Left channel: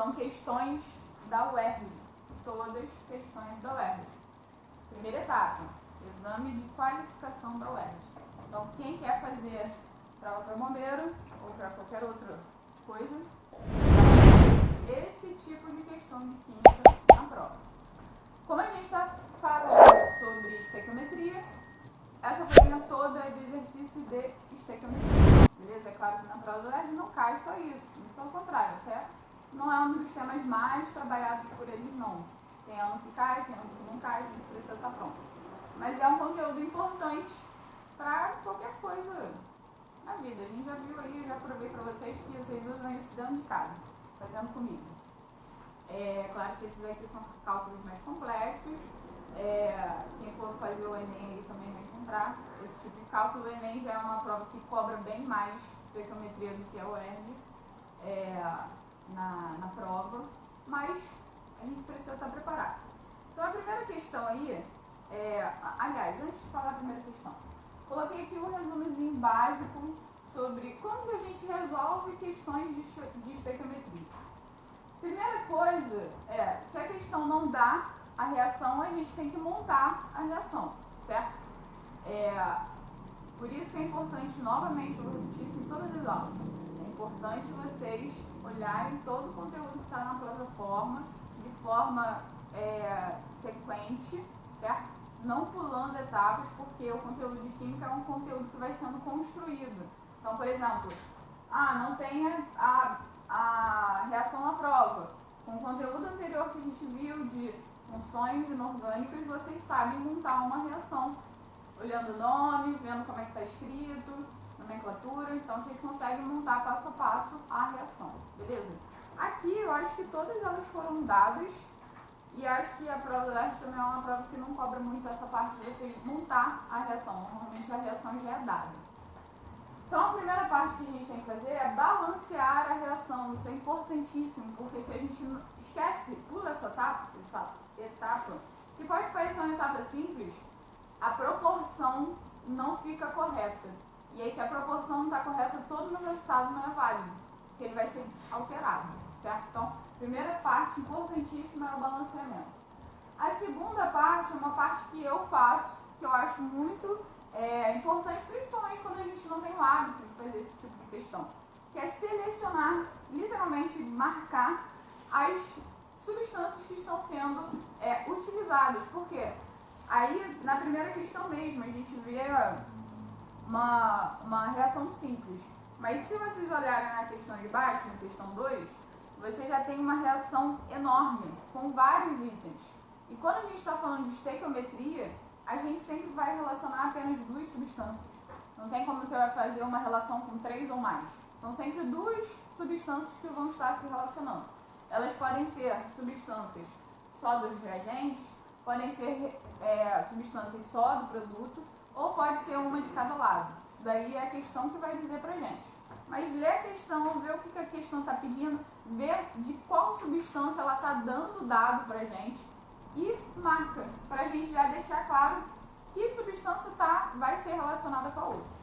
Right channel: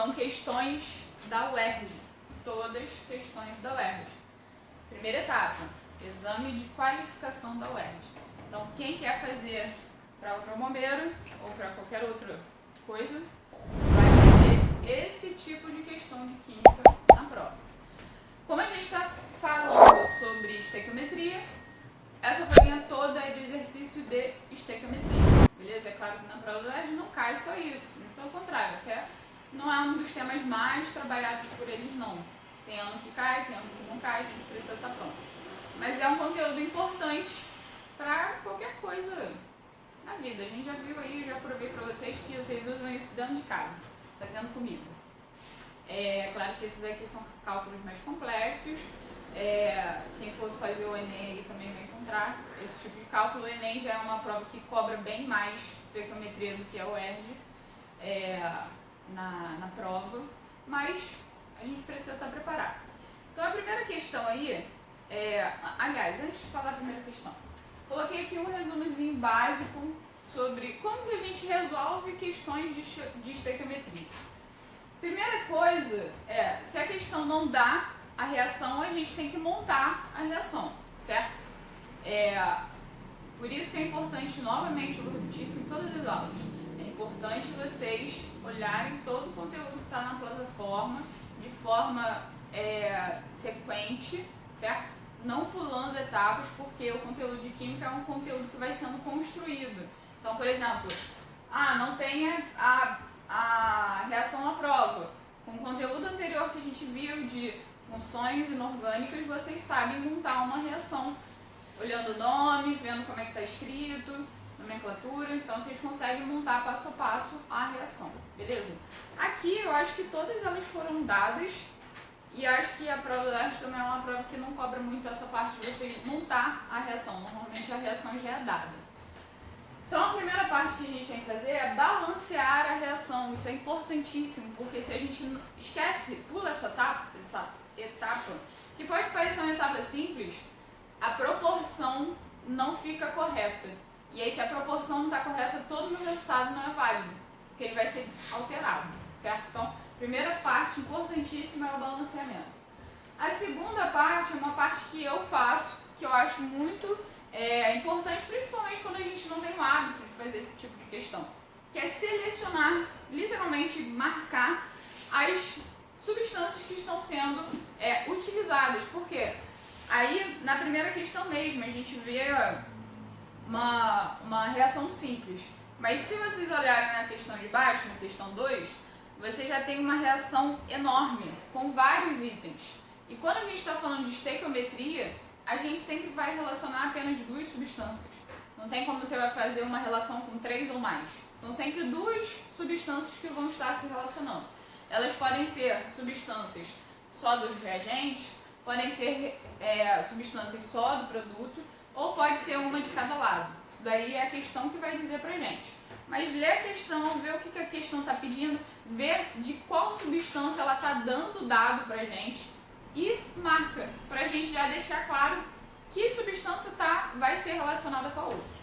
são questões da UERJ, todas questões da UERJ. Primeira etapa, exame de qualificação da UERJ. Então, quem quer fazer prova para bombeiro ou para qualquer outra coisa, vai ter esse tipo de questão de química na prova. Como a gente está falando sobre estequiometria, essa folhinha toda é de exercício de estequiometria, beleza? É claro que na prova da UERJ não cai só isso, pelo contrário, até não é um dos temas mais trabalhados por eles, não. Tem ano que cai, tem ano que não cai, a gente precisa estar pronto. Mas é um conteúdo importante para qualquer coisa na vida. A gente já viu aí, eu já provei para vocês que vocês usam isso dentro de casa, fazendo comigo. É claro que esses aqui são cálculos mais complexos. Quem for fazer o Enem aí também vai encontrar esse tipo de cálculo. O Enem já é uma prova que cobra bem mais estequiometria do que a UERJ na prova, mas a gente precisa estar preparado. Então a primeira questão aí, aliás, antes de falar a primeira questão, coloquei aqui um resumozinho básico sobre como que a gente resolve questões de estequiometria. Primeira coisa se a questão não dá a reação, a gente tem que montar a reação, certo? Por isso que é importante, novamente, eu vou repetir isso em todas as aulas, é importante vocês olharem todo o conteúdo que está na plataforma de forma sequente, certo? Não pulando etapas, porque o conteúdo de química é um conteúdo que vai sendo construído. Então, por exemplo, não tem a reação na prova. Com o conteúdo anterior que a gente viu de funções inorgânicas, vocês sabem montar uma reação. Olhando o nome, vendo como é que está escrito, nomenclatura, então vocês conseguem montar passo a passo a reação, beleza? Aqui eu acho que todas elas foram dadas e acho que a prova da UERJ também é uma prova que não cobra muito essa parte de vocês montar a reação, normalmente a reação já é dada. Então a primeira parte que a gente tem que fazer é balancear a reação, isso é importantíssimo, porque se a gente esquece, pula essa etapa, que pode parecer uma etapa simples, a proporção não fica correta. E aí se a proporção não está correta, todo o meu resultado não é válido, porque ele vai ser alterado, certo? Então, primeira parte importantíssima é o balanceamento. A segunda parte é uma parte que eu faço, que eu acho muito importante, principalmente quando a gente não tem o hábito de fazer esse tipo de questão, que é selecionar, literalmente marcar as substâncias que estão sendo utilizadas. Por quê? Aí, na primeira questão mesmo, a gente vê uma reação simples. Mas se vocês olharem na questão de baixo, na questão 2, você já tem uma reação enorme, com vários itens. E quando a gente está falando de estequiometria, a gente sempre vai relacionar apenas duas substâncias. Não tem como você vai fazer uma relação com 3 ou mais. São sempre duas substâncias que vão estar se relacionando. Elas podem ser substâncias só dos reagentes, podem ser substâncias só do produto, ou pode ser uma de cada lado. Isso daí é a questão que vai dizer pra gente. Mas lê a questão, vê o que a questão está pedindo, vê de qual substância ela está dando dado pra gente e marca, pra gente já deixar claro que substância vai ser relacionada com a outra.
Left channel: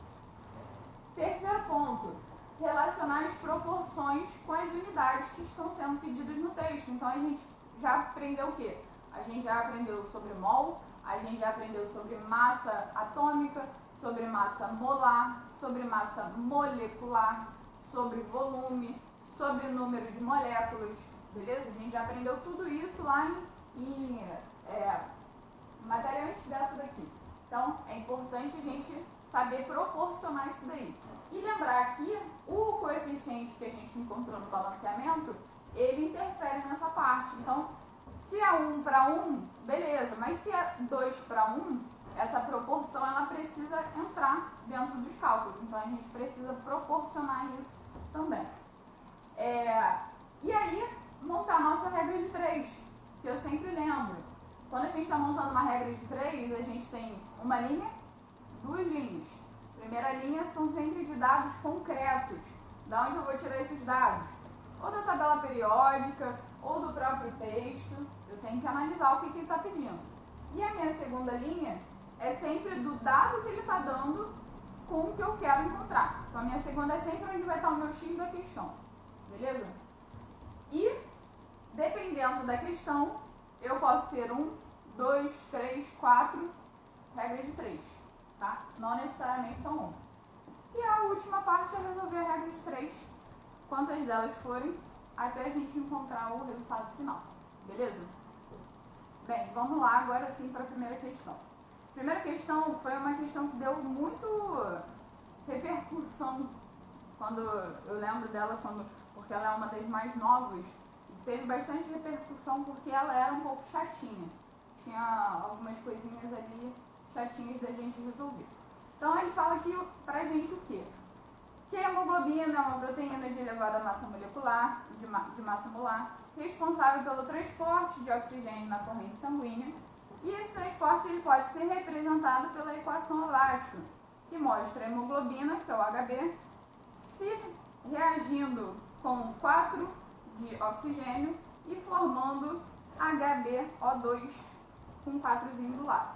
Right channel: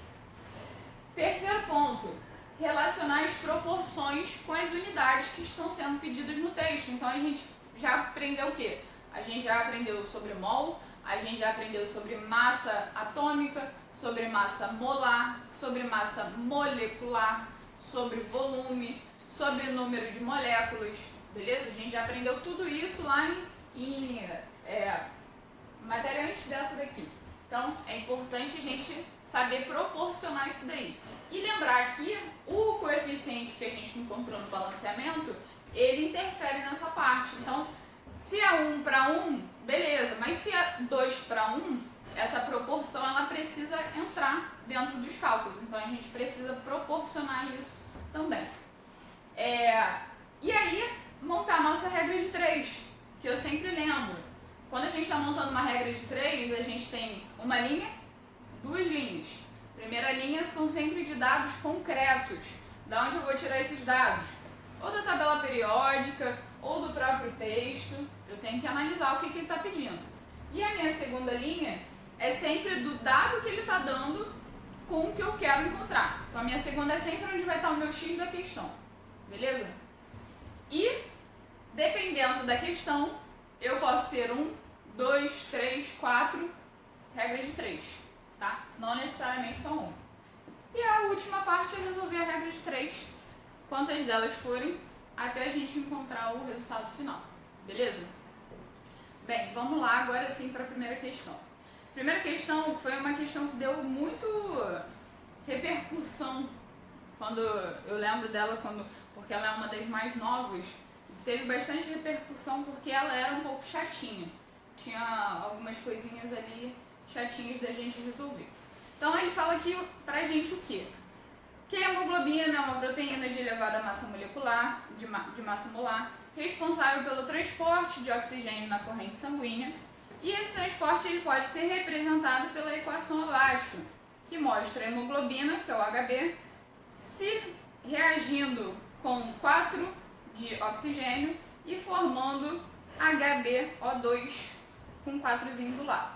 Terceiro ponto, relacionar as proporções com as unidades que estão sendo pedidas no texto. Então a gente já aprendeu o quê? A gente já aprendeu sobre mol, a gente já aprendeu sobre massa atômica, sobre massa molar, sobre massa molecular, sobre volume, sobre número de moléculas, beleza? A gente já aprendeu tudo isso lá em matéria antes dessa daqui. Então, é importante a gente saber proporcionar isso daí. E lembrar que o coeficiente que a gente encontrou no balanceamento, ele interfere nessa parte. Então, se é 1 para 1, beleza, mas se é 2 para 1, essa proporção ela precisa entrar dentro dos cálculos. Então, a gente precisa proporcionar isso também. E aí, montar a nossa regra de 3, que eu sempre lembro. Quando a gente está montando uma regra de 3, a gente tem uma linha, 2 linhas. Primeira linha são sempre de dados concretos. Da onde eu vou tirar esses dados? Ou da tabela periódica, ou do próprio texto. Eu tenho que analisar o que ele está pedindo. E a minha segunda linha é sempre do dado que ele está dando com o que eu quero encontrar. Então a minha segunda é sempre onde vai estar o meu X da questão. Beleza? E Dependendo da questão, eu posso ter 1, 2, 3, 4 regras de 3, tá? Não necessariamente só 1. E a última parte é resolver a regra de 3, quantas delas forem, até a gente encontrar o resultado final, beleza? Bem, vamos lá agora sim para a primeira questão. A primeira questão foi uma questão que deu muito repercussão, quando eu lembro dela, porque ela é uma das mais novas, teve bastante repercussão porque ela era um pouco chatinha. Tinha algumas coisinhas ali chatinhas da gente resolver. Então ele fala aqui pra gente o quê? Que a hemoglobina é uma proteína de elevada massa molecular, de massa molar, responsável pelo transporte de oxigênio na corrente sanguínea, e esse transporte ele pode ser representado pela equação abaixo, que mostra a hemoglobina, que é o HB, se reagindo com 4 de oxigênio e formando HbO2 com 4zinho do lado.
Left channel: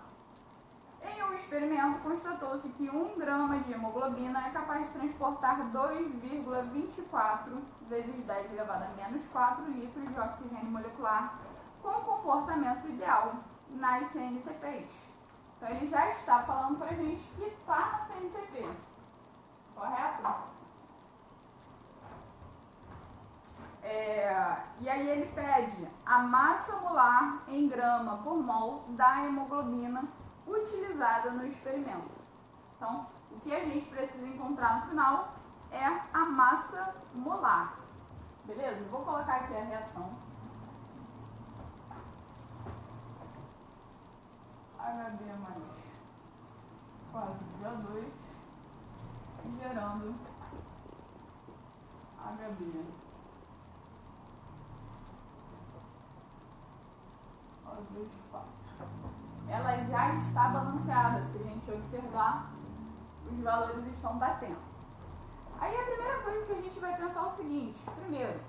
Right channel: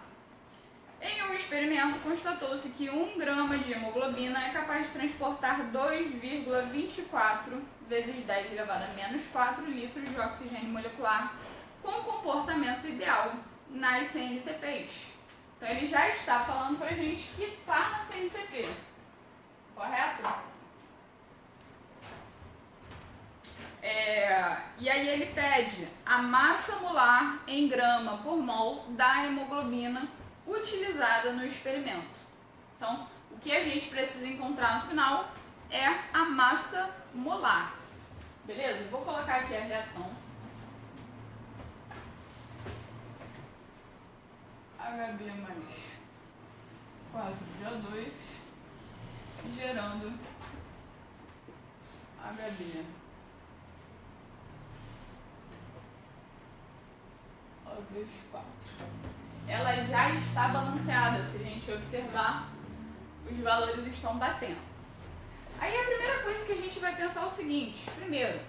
Em um experimento, constatou-se que 1 grama de hemoglobina é capaz de transportar 2,24 vezes 10 elevado a menos 4 litros de oxigênio molecular com comportamento ideal nas CNTPs. Então ele já está falando para a gente que está na CNTP, correto? E aí ele pede a massa molar em grama por mol da hemoglobina utilizada no experimento. Então, o que a gente precisa encontrar no final é a massa molar. Beleza? Vou colocar aqui a reação. HB mais 4 de O2 gerando HB O2, 4. Ela já está balanceada, se a gente observar, os valores estão batendo. Aí a primeira coisa que a gente vai pensar é o seguinte: primeiro,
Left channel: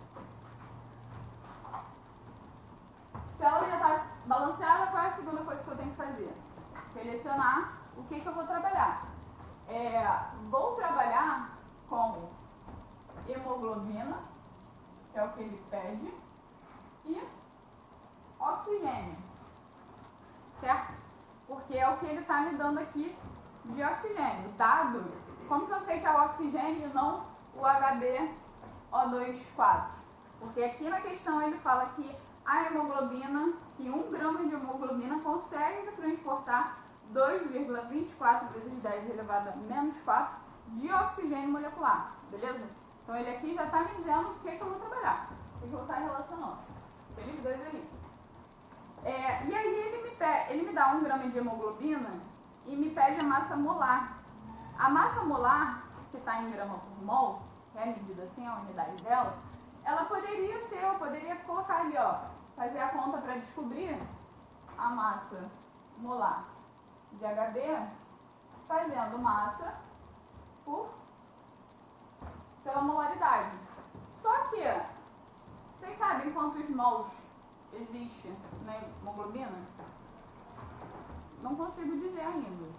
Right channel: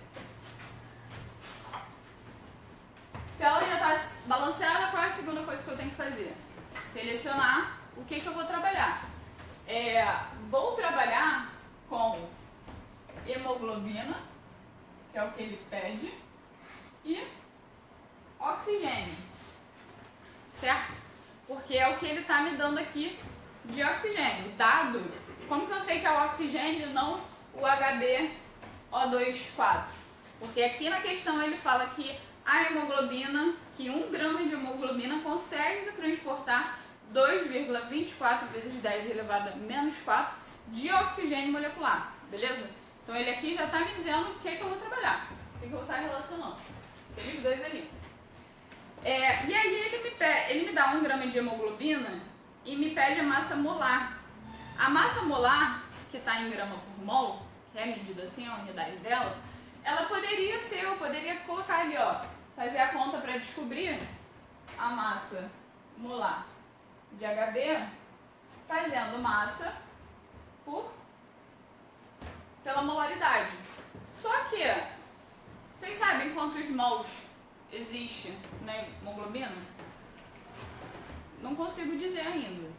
se ela já está balanceada, qual é a segunda coisa que eu tenho que fazer? Selecionar o que eu vou trabalhar. Vou trabalhar com hemoglobina, que é o que ele pede, e oxigênio, certo? Porque é o que ele está me dando aqui de oxigênio. Dado, como que eu sei que é o oxigênio e não o HbO2, 4? Porque aqui na questão ele fala que a hemoglobina, que 1 grama de hemoglobina consegue transportar 2,24 vezes 10 elevado a menos 4 de oxigênio molecular, beleza? Então ele aqui já está me dizendo o que eu vou trabalhar, o que eu vou estar relacionando, aqueles dois ali. E aí ele me dá 1 grama de hemoglobina e me pede a massa molar. A massa molar, que está em grama por mol, que é medida assim, a unidade dela, ela poderia ser, eu poderia colocar ali, ó, fazer a conta para descobrir a massa molar de HB, fazendo massa pela molaridade. Só que, vocês sabem quantos mols existe na hemoglobina? Não consigo dizer ainda.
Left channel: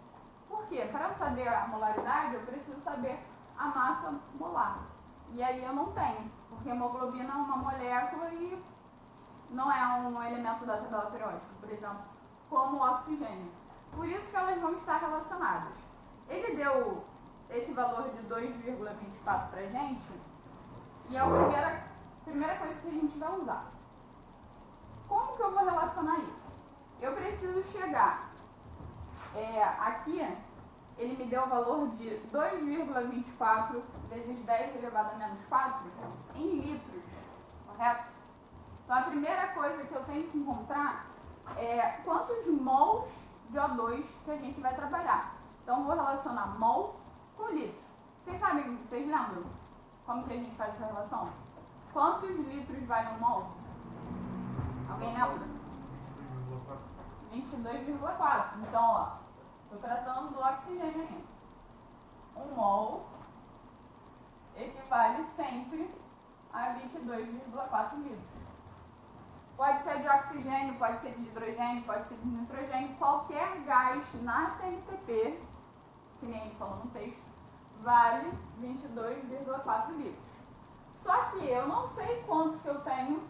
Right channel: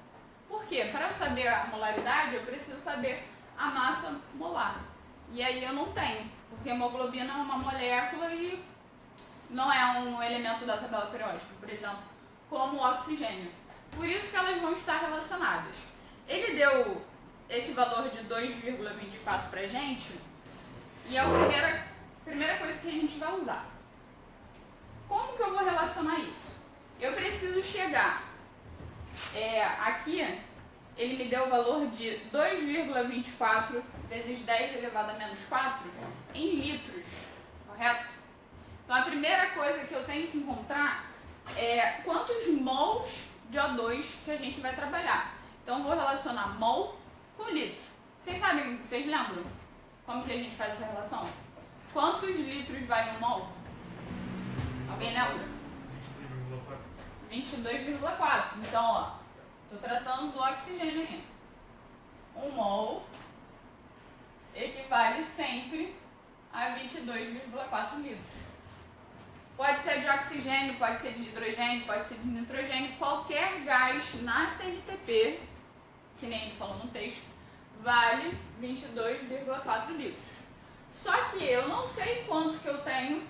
Por quê? Para eu saber a molaridade, eu preciso saber a massa molar. E aí eu não tenho, porque a hemoglobina é uma molécula e não é um elemento da tabela periódica, por exemplo, como o oxigênio. Por isso que elas vão estar relacionadas. Ele deu esse valor de 2,24 pra gente, e é a primeira coisa que a gente vai usar. Como que eu vou relacionar isso? Eu preciso chegar, aqui ele me deu o valor de 2,24 vezes 10 elevado a menos 4 em litros, correto? Então a primeira coisa que eu tenho que encontrar é quantos mols de O2 que a gente vai trabalhar. Então eu vou relacionar mol com litro. Vocês sabem, vocês lembram como que a gente faz essa relação? Quantos litros vale um mol? Alguém lembra? 22,4. Então, ó, estou tratando do oxigênio ainda. 1 mol equivale sempre a 22,4 litros. Pode ser de oxigênio, pode ser de hidrogênio, pode ser de nitrogênio. Qualquer gás na CNTP, que nem ele falou no texto, vale 22,4 litros. Só que eu não sei quanto que eu tenho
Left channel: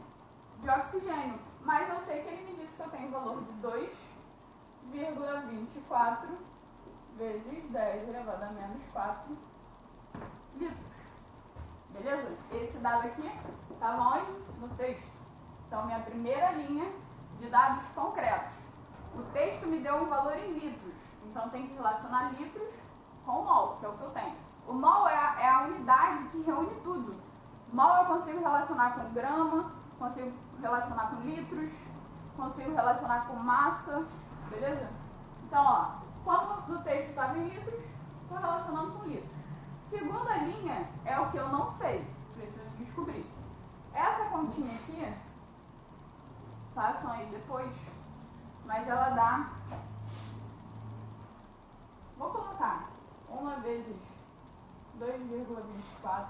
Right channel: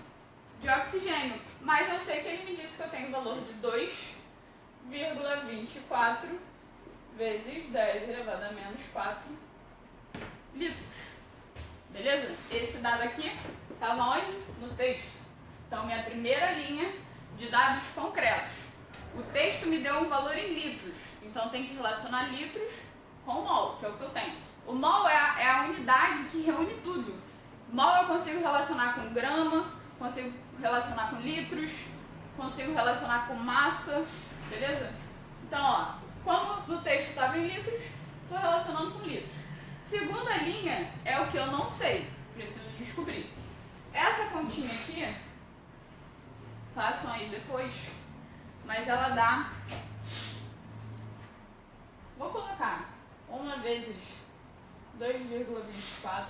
de oxigênio. Mas eu sei que ele me disse que eu tenho o valor de 2,24 vezes 10 elevado a menos 4 litros. Beleza? Esse dado aqui estava onde? No texto. Então, minha primeira linha de dados concretos. O texto me deu um valor em litros. Então, tem que relacionar litros com mol, que é o que eu tenho. O mol é a unidade que reúne tudo. Mol eu consigo relacionar com grama, consigo relacionar com litros, consigo relacionar com massa, beleza? Então, ó, como no texto estava em litros, estou relacionando com litros. Segunda linha é o que eu não sei, preciso descobrir. Essa continha aqui, façam aí depois, mas ela dá, vou colocar 1 vezes 2,24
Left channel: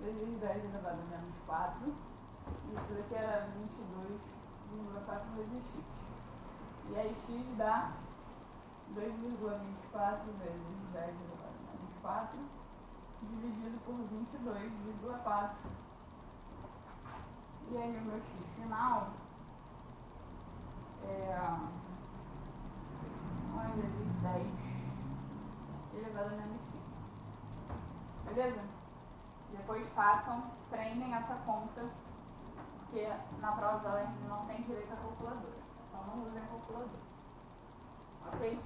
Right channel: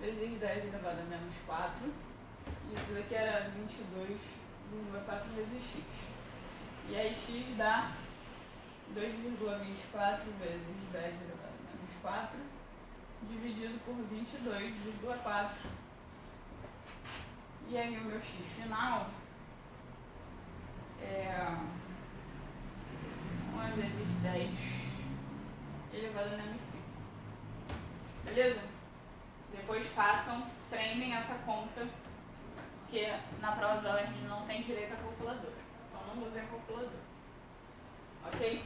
vezes 10 elevado a menos 4. Isso daqui era 22,4 vezes x. E aí x dá 2,24 vezes 10 elevado a menos 4 dividido por 22,4. E aí o meu x final é 1 vezes 10 elevado a menos 5. Beleza? Depois treinem essa conta, porque na prova da UERJ não tem direito à calculadora. Então não usem calculadora. Ok?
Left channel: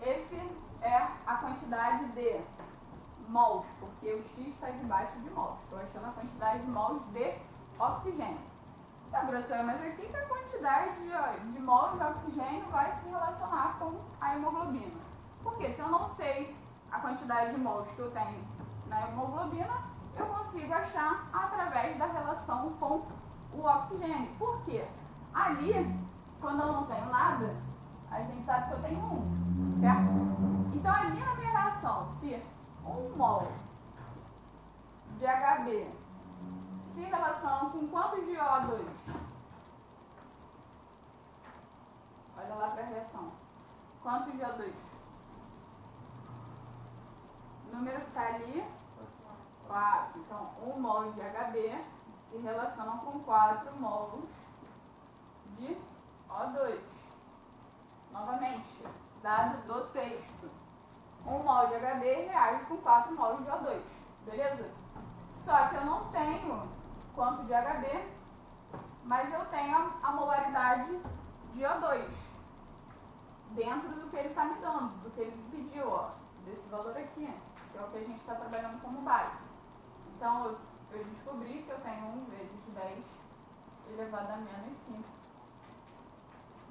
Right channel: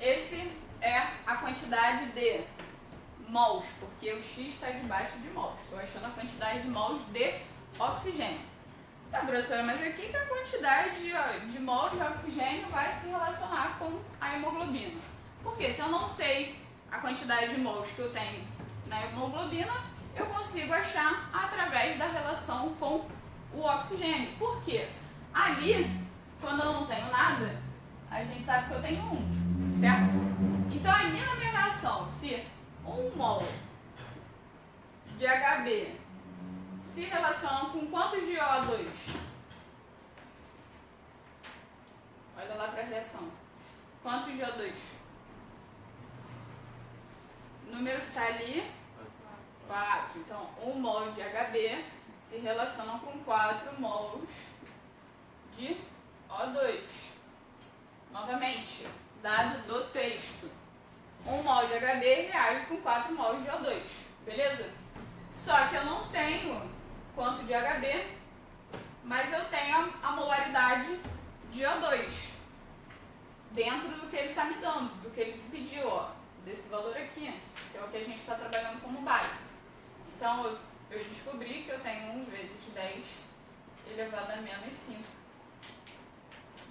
Esse é a quantidade de mols, porque o x está debaixo de mols. Estou achando a quantidade de mols de oxigênio. Tá, professora, mas aqui que a quantidade de mols de oxigênio vai se relacionar com a hemoglobina. Porque se eu não sei a quantidade de mols que eu tenho na hemoglobina, eu consigo achar através da relação com o oxigênio. Por quê? Ali, quando eu não tenho nada, a gente sabe que eu tenho 1, certo? Então, ali na minha reação, se 1 mol de HB se relaciona com quantos de O2? Olha lá para a reação. Quantos de O2? O número que está ali, 4. Então, 1 mol de HB se relaciona com 4 mols de O2. Novamente, dado do texto. 1 mol de HB reage com 4 mols de O2. Beleza? Só que eu não tenho quanto de HB, mas eu tenho a molaridade de O2 dentro do que ele está me dando, do que ele me pediu, ó, desse valor aqui, que é o que a gente está trabalhando como base. Então, eu descobri que eu tenho 1 vezes 10 elevado a menos 5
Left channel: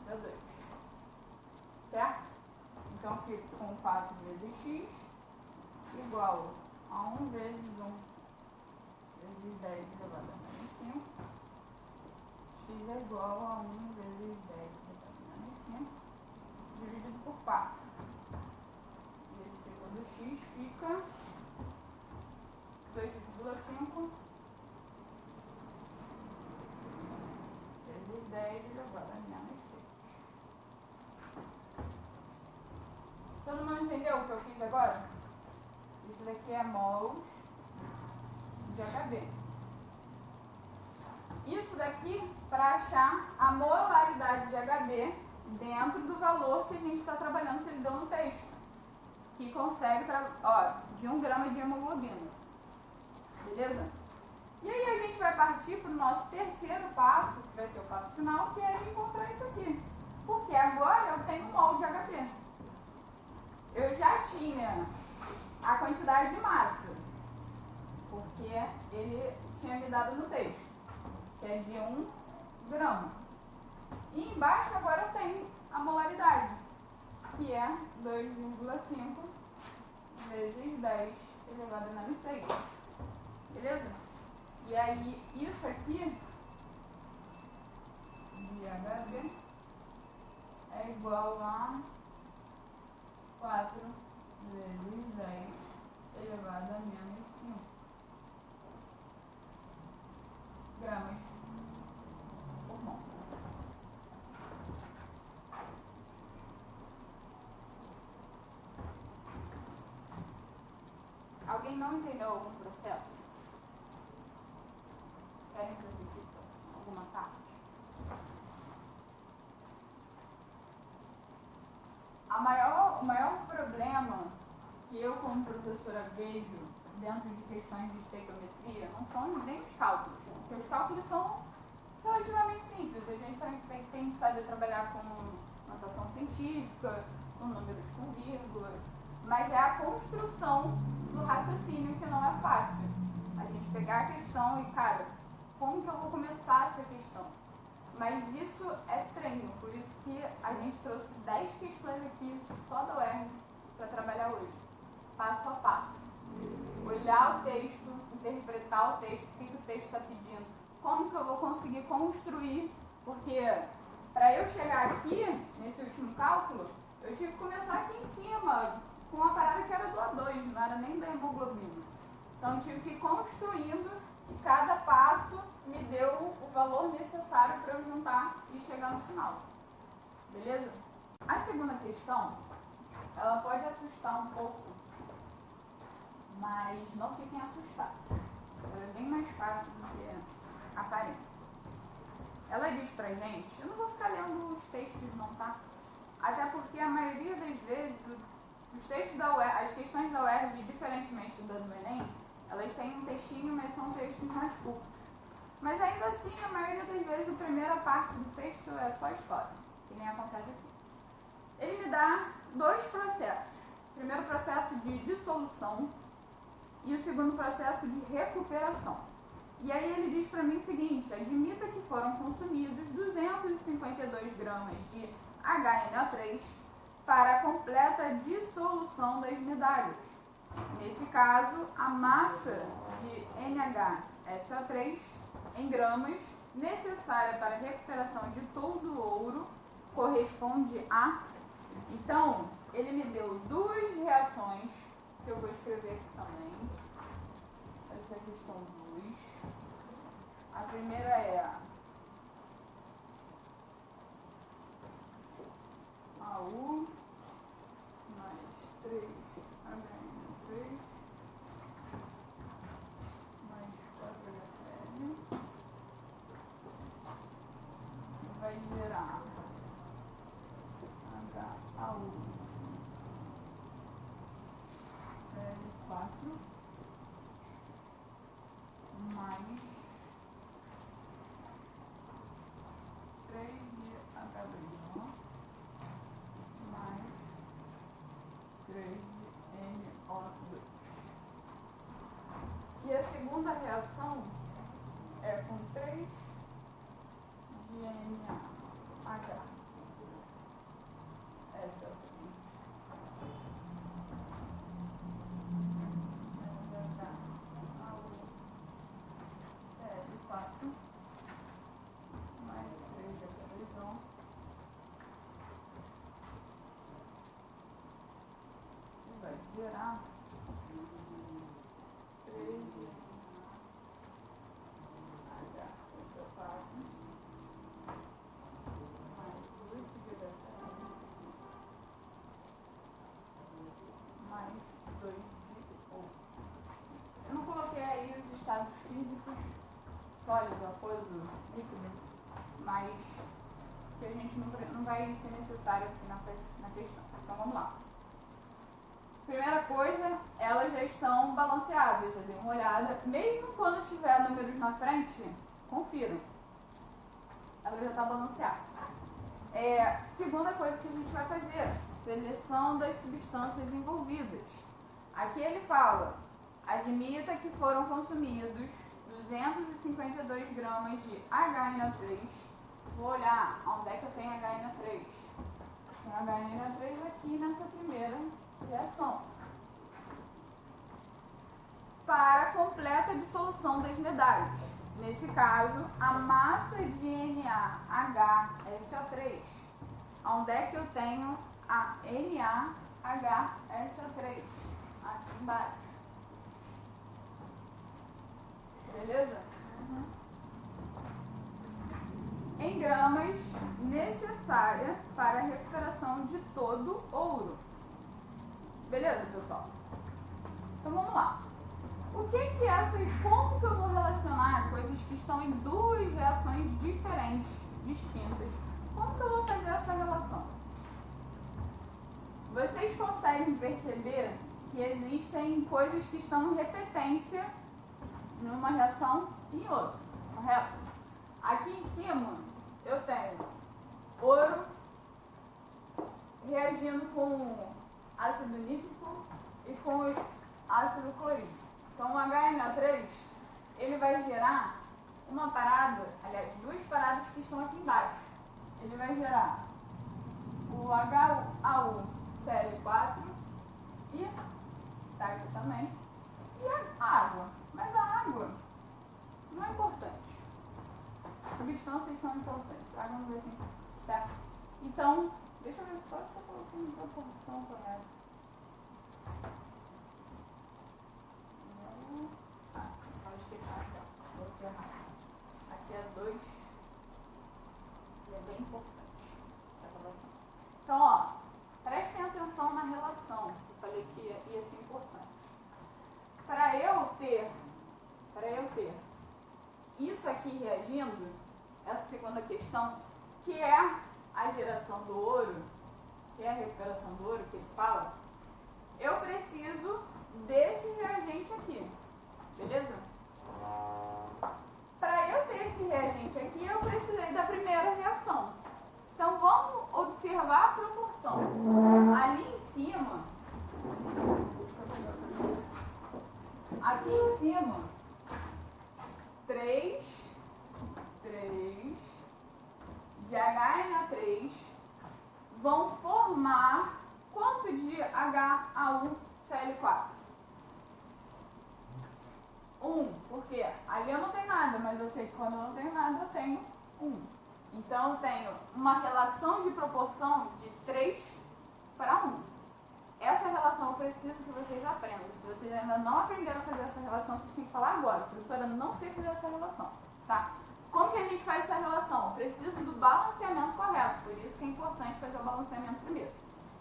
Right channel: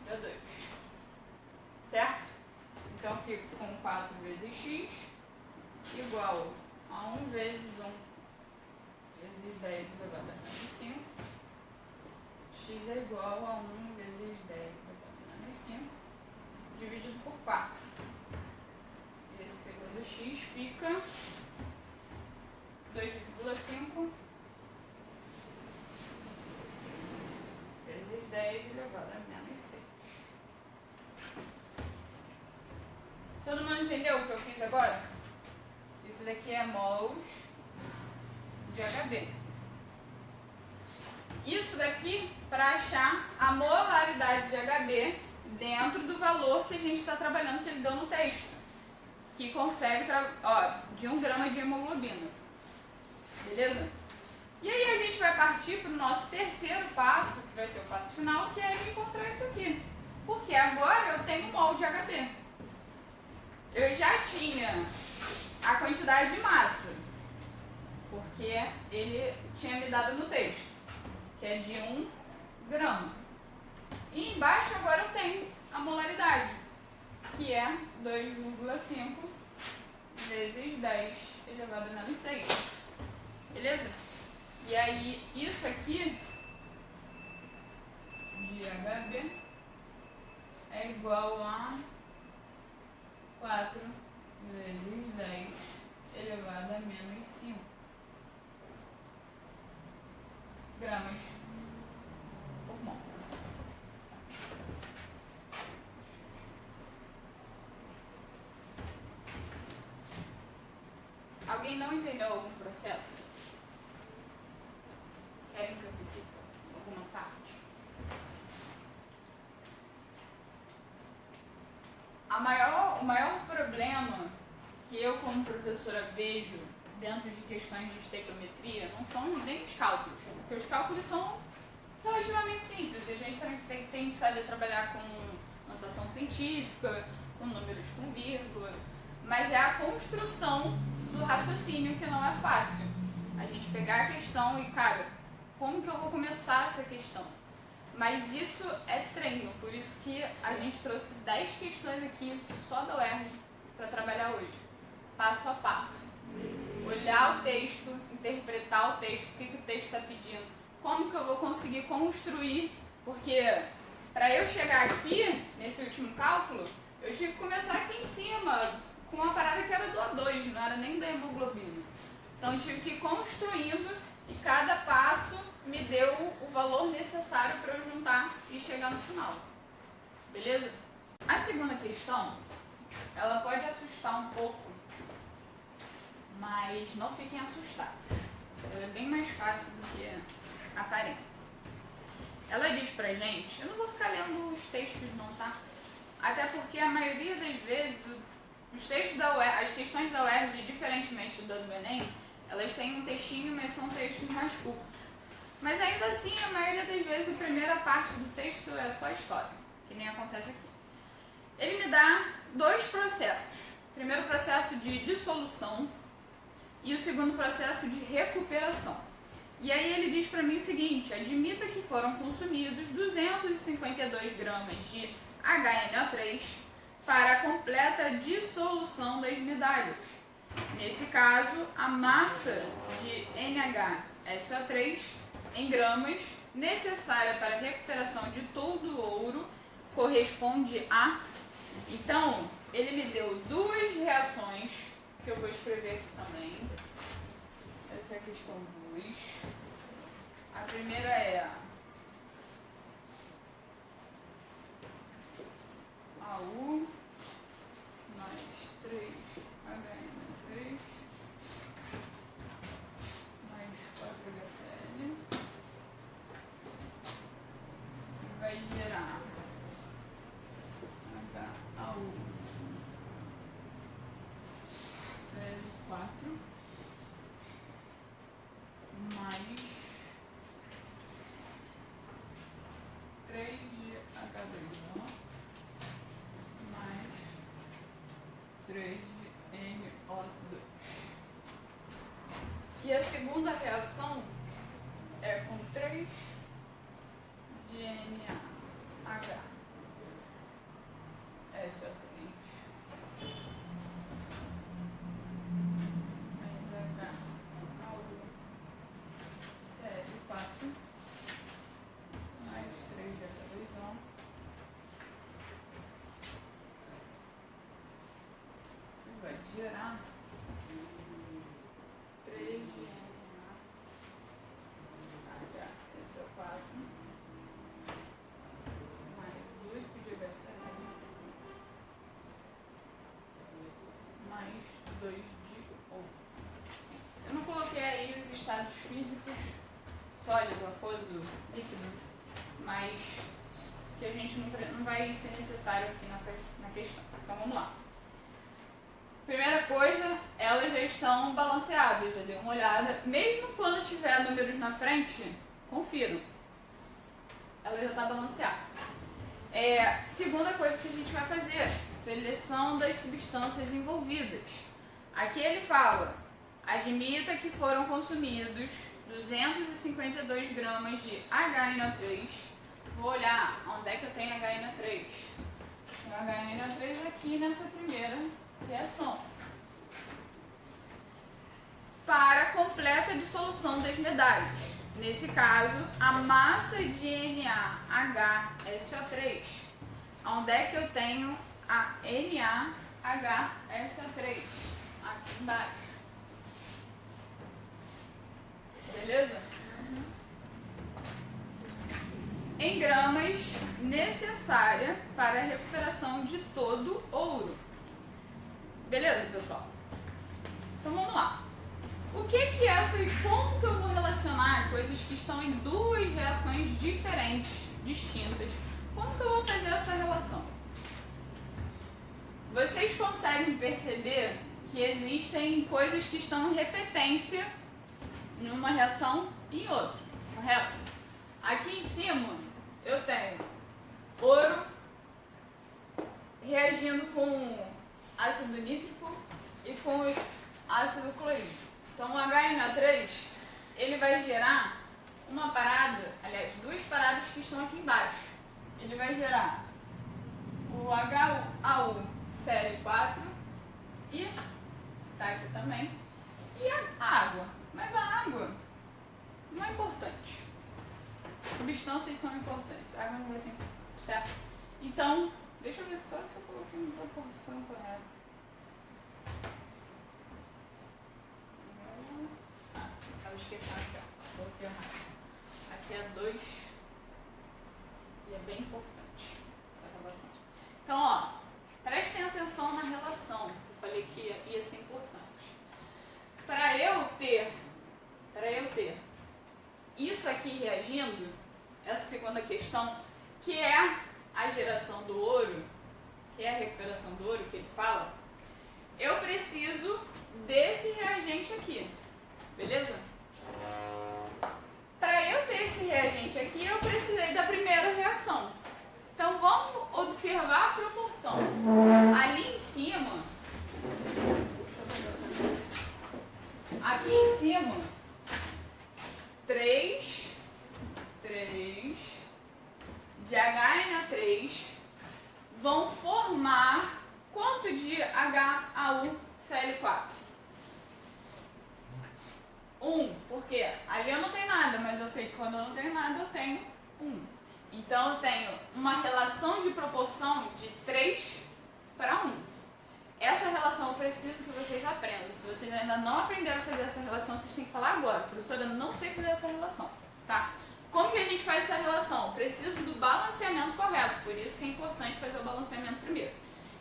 de O2. Certo? Então, eu fico com 4 vezes x igual a 1 vezes 1 vezes 10 elevado a menos 5. X é igual a 1 vezes 10 elevado a menos 5 dividido por 4. E esse segundo x fica 2,5 vezes 10 elevado a menos 6. Todo mundo entendeu o que eu fiz agora? Isso daqui é mols de HB. Isso daqui para achar a molaridade de HB dentro do valor que a gente está trabalhando, que ele deu no texto. Que consegue, de 1 grama de hemoglobina. Beleza? E aí a gente vai partir para o nosso terceiro passo, que vai ser o passo final, que é encontrar isso aqui. Porque agora eu tenho mol de HB. Eu já tinha a quantidade de massa, porque ele tinha me dado no texto, que é de 1 grama. E embaixo agora eu tenho a molaridade, que é 2,5 vezes 10 elevado a menos 6. Beleza? E aí, isso aqui de HB é igual a 4 vezes 10 elevado a menos 5 gramas por mol. Alguém não entendeu algum processo? Querem que eu repita alguma o maior problema que eu como professora vejo dentro de questões de estequiometria não são nem os cálculos, porque os cálculos são relativamente simples, a gente tem que saber trabalhar com notação científica, com números com vírgula, mas é a construção do raciocínio que não é fácil. A gente pegar a questão e, cara, como que eu vou começar essa questão? Mas isso é treino, por isso que a gente trouxe 10 questões aqui só da UERJ para trabalhar hoje, passo a passo. Olhar o texto, interpretar o texto, o que o texto está pedindo, como que eu vou conseguir construir, porque para eu chegar aqui, nesse último cálculo, eu tive que começar aqui em cima, com uma parada que era do A2, não era nem da hemoglobina. Então eu tive que ir construindo e cada passo me deu o valor necessário para eu juntar e chegar no final. Beleza? A segunda questão, ela pode assustar um pouco, mas não fiquem assustados. Ela é bem mais fácil do que aparenta. Ela diz pra gente, eu não vou ficar lendo os textos não, tá? Até porque a maioria das vezes, os textos da UERJ, as questões da UERJ, diferentemente da do Enem, elas têm um textinho, mas são textos mais curtos. Mas ainda assim, a maioria das vezes, a primeira parte do texto é só história, que nem acontece aqui. Ele me dá 2 processos. O primeiro processo de dissolução e o segundo processo de recuperação. E aí ele diz para mim o seguinte, admita que foram consumidos 252 gramas de HNO3 para a completa dissolução das medalhas. Nesse caso, a massa de NHSO3 em gramas necessária para a recuperação de todo o ouro corresponde a... Então, ele me deu 2 reações, que eu vou escrever aqui também. Essa é a questão 2. A primeira é AU mais 3HN3 mais 4HCl vai gerar HAU Cl4 mais 3 de H2O mais 3 de NO2. E a segunda reação é com 3 de NaH. Essa é a CL4 mais 3 de H2O que vai gerar 3 de NaHSO4 mais 8 de HCl mais 2 de O. Eu não coloquei aí os estados físicos, sólido, aquoso, líquido, mas que a gente não vai ser necessário aqui na questão. Então vamos lá. Primeira coisa, elas já estão balanceadas, já dei uma olhada. Mesmo quando tiver números na frente, confiram. Ela já está balanceada. Segunda coisa que a gente vai fazer, seleção das substâncias envolvidas. Aqui ele fala, admita que foram consumidos 252 gramas de HNO3. Vou olhar onde é que eu tenho HNO3. Tem HNO3 aqui nessa primeira reação. Para a completa dissolução das medalhas. Nesse caso, a massa de NaHSO3. Onde é que eu tenho a NaHSO3? Aqui embaixo. Beleza? Em gramas necessária para a recuperação de todo ouro. Beleza, pessoal? Então vamos lá. O que é essa e como que eu vou relacionar coisas que estão em 2 reações diferentes, distintas? Como que eu vou fazer essa relação? vocês conseguem perceber que existem coisas que estão em repetência em uma reação e em outra, correto? Aqui em cima eu tenho ouro reagindo com ácido nítrico e com ácido clorídrico. Então o HNO3 ele vai gerar uma parada, aliás, duas paradas que estão aqui embaixo. Ele vai gerar o HAUCl4 e tá aqui também, e a água. Mas a água não é importante. Substâncias são importantes. A água não vai ser importante, certo? Então, deixa eu ver só se eu coloquei uma proporção correta. Estava esquecendo aqui, ó. Coloquei errado. Aqui é 2. E é bem importante essa relação. Então, ó, prestem atenção na relação. Eu falei que ia ser importante. Para eu ter isso aqui reagindo, essa segunda questão, que é a geração do ouro, que é a recuperação do ouro que ele fala, eu preciso desse reagente aqui, beleza? Para eu ter esse reagente aqui, eu precisei da primeira reação. Então vamos observar a proporção. Ali em cima, aqui em cima, 3 de HNO3 vão formar quanto de HAUCl4? 1, porque ali eu não tenho nada, mas eu sei que quando eu não tenho nada eu tenho 1. Então eu tenho uma relação de proporção de 3 para 1. Essa relação eu preciso que vocês aprendam. Se vocês ainda não aprenderam a fazer essa relação, vocês têm que falar agora. Professora, eu não sei fazer essa relação, tá? Como que a gente faz essa relação? Eu preciso do balanceamento correto, por isso que é importante fazer o balanceamento primeiro.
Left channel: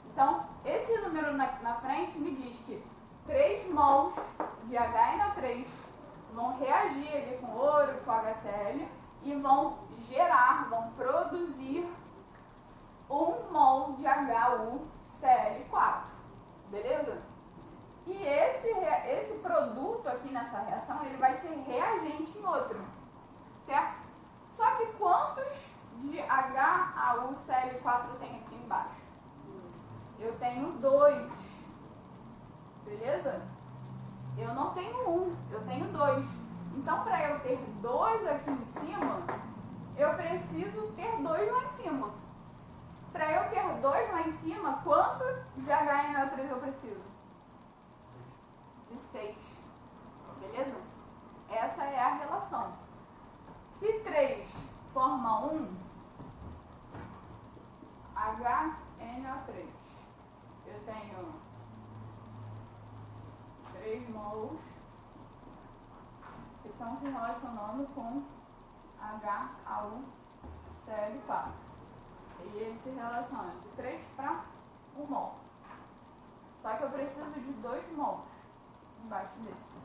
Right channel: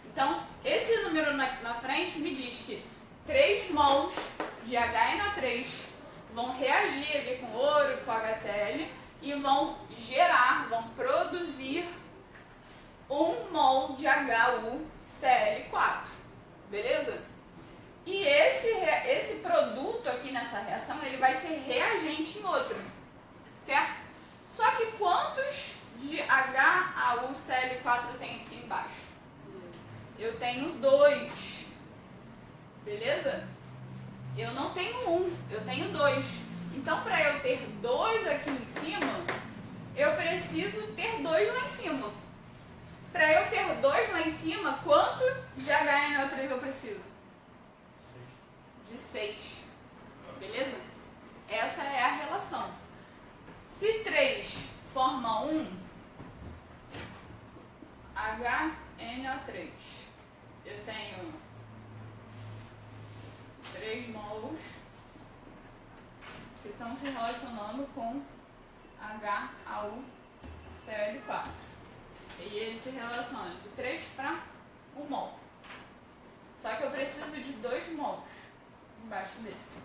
Então, esse número na frente me diz que 3 mols de HNO3 vão reagir ali com ouro, com HCl, e vão produzir 1 mol de HUCl4, beleza? E esse produto aqui nessa reação, ele vai ser reagente em outra, certo? Só que quantos de HAUCl4 eu tenho aqui embaixo? Eu tenho 2, beleza? Eu não tenho 1, eu tenho 2. Então, para eu ter 2 aqui em cima, eu preciso ter 2 lá em cima. Para eu ter 2 lá em cima, quanto de HNO3 eu preciso? De 6. Beleza? Essa é a relação. Se 3 forma 1, HNO3, eu tenho 3 mols que estão se relacionando com HAUCl4. E ele se relaciona de 3 para 1 mol. Só que eu preciso de 2 mols embaixo desse.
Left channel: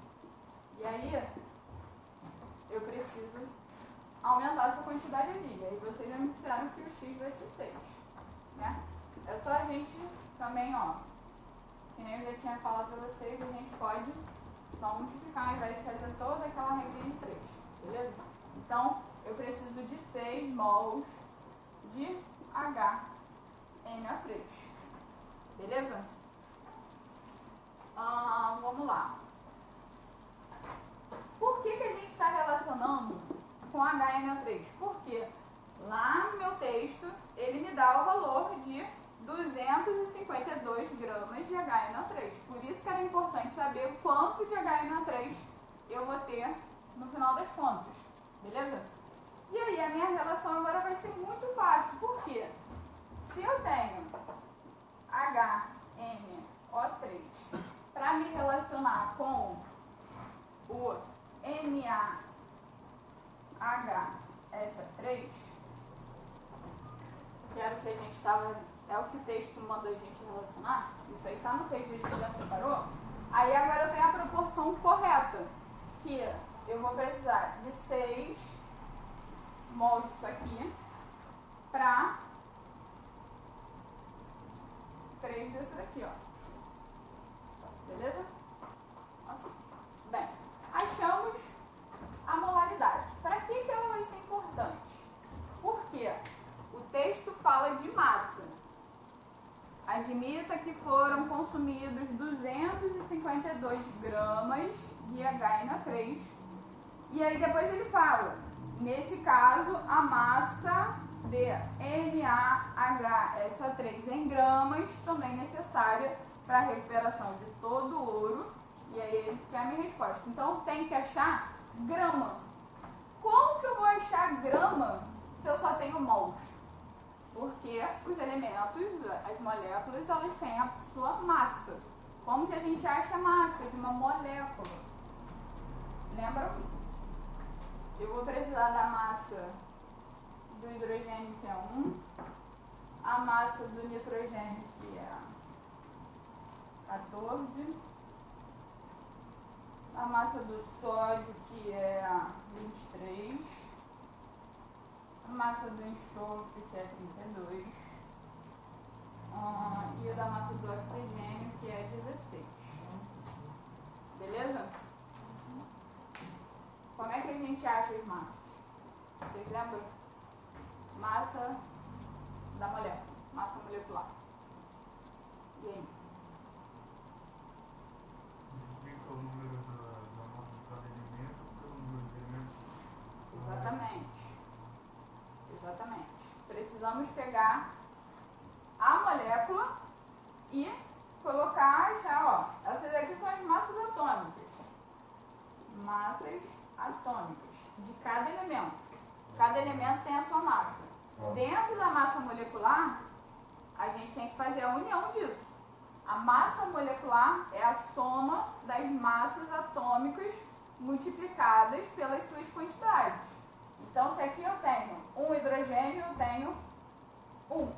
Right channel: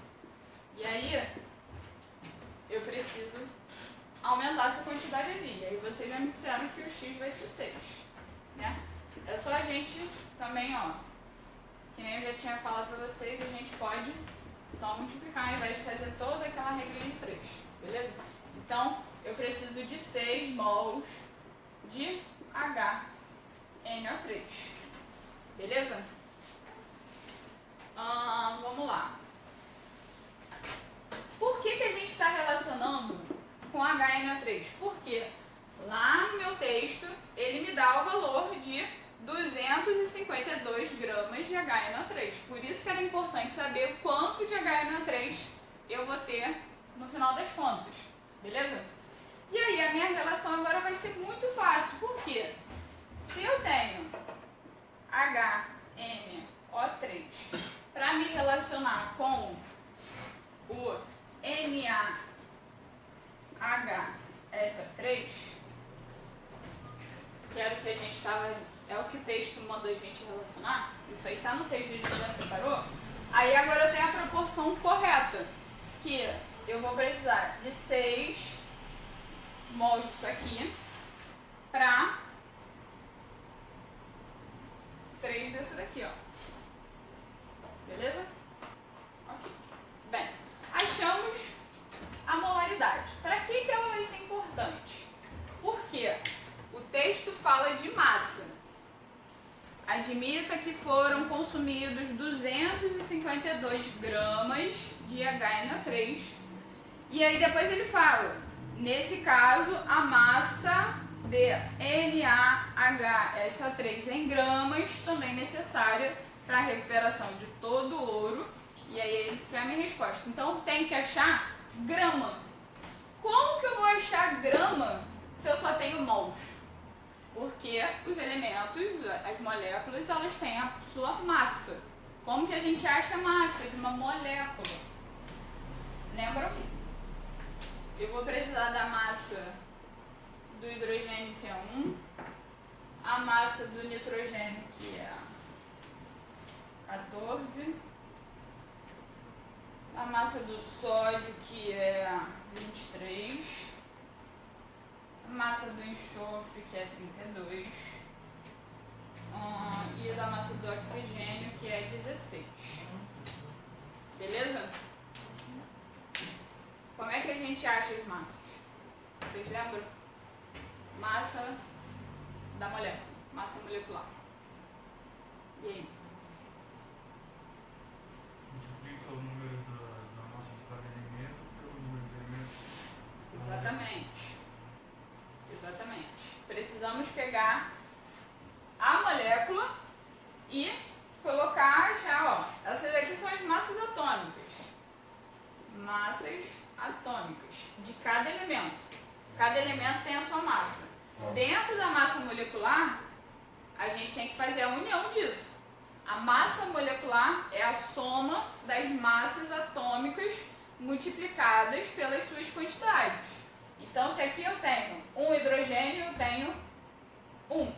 E aí, eu preciso aumentar essa quantidade ali. E aí vocês já me disseram que o X vai ser 6. Né? É só a gente também, ó, que nem eu já tinha falado para vocês, a gente pode só multiplicar ao invés de fazer toda aquela regra de 3. Beleza? Então, eu preciso de 6 mols de HNO3. Beleza? Vamos lá. Por que a gente está relacionando com HNO3? Porque lá no meu texto ele me dá o valor de 252 gramas de HNO3. Por isso que era importante saber quanto de HNO3 eu vou ter no final das contas. Beleza? E aí a minha relação agora vai ser muito fácil. Por quê? Se eu tenho HNO3 para me relacionar com o NaHSO3, que era o que a gente estava, é o que o texto manda a gente relacionar, isso aí está no texto, a gente já separou. Aí agora eu tenho a proporção correta, que eu vou precisar de 6 mols disso aqui para 3 desse daqui, ó. Beleza? Ok. Bem, achamos a molaridade. Para que ela vai ser importante? Porque o texto fala de massa. Admita que foram consumidos 252 gramas de HNO3. E aí depois ele fala, nesse caso, a massa de NaHSO3 em gramas também necessária para a recuperação de todo o ouro. E aí ele quer a minha resposta. Então tem que achar grama. Como que eu vou achar grama se eu só tenho mols? Porque os elementos, as moléculas, elas têm a sua massa. Como que a gente acha a massa de uma molécula? Lembram? Eu vou precisar da massa do hidrogênio, que é 1, a massa do nitrogênio, que é 14, a massa do sódio, que é 23, a massa do enxofre, que é 32, e da massa do oxigênio, que é 16. Beleza? Como é que a gente acha as massas? Vocês lembram? Massa da molécula, massa molecular. E aí? Multiplica o número da massa de cada elemento pelo número de elementos. Exatamente. Exatamente. Precisamos pegar a molécula e colocar, achar, ó, essas aqui são as massas atômicas. Massas atômicas de cada elemento. Cada elemento tem a sua massa. Dentro da massa molecular, a gente tem que fazer a união disso. A massa molecular é a soma das massas atômicas multiplicadas pelas suas quantidades. Então, se aqui eu tenho um hidrogênio, eu tenho 1.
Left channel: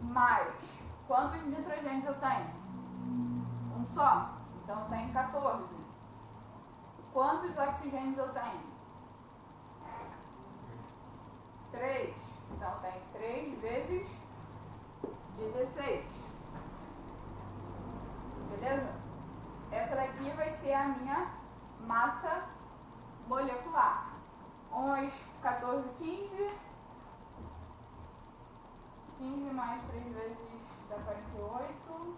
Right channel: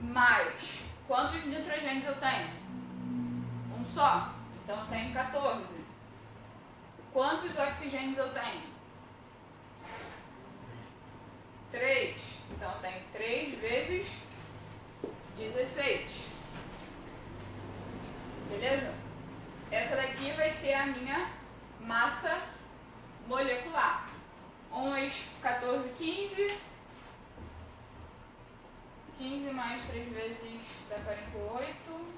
Mais, quantos nitrogênios eu tenho? Um só. Então, eu tenho 14. Quantos oxigênios eu tenho? 3. Então, eu tenho 3 vezes 16. Beleza? Essa daqui vai ser a minha massa molecular. 1 mais 14, 15. 15 mais 3 vezes dá 48.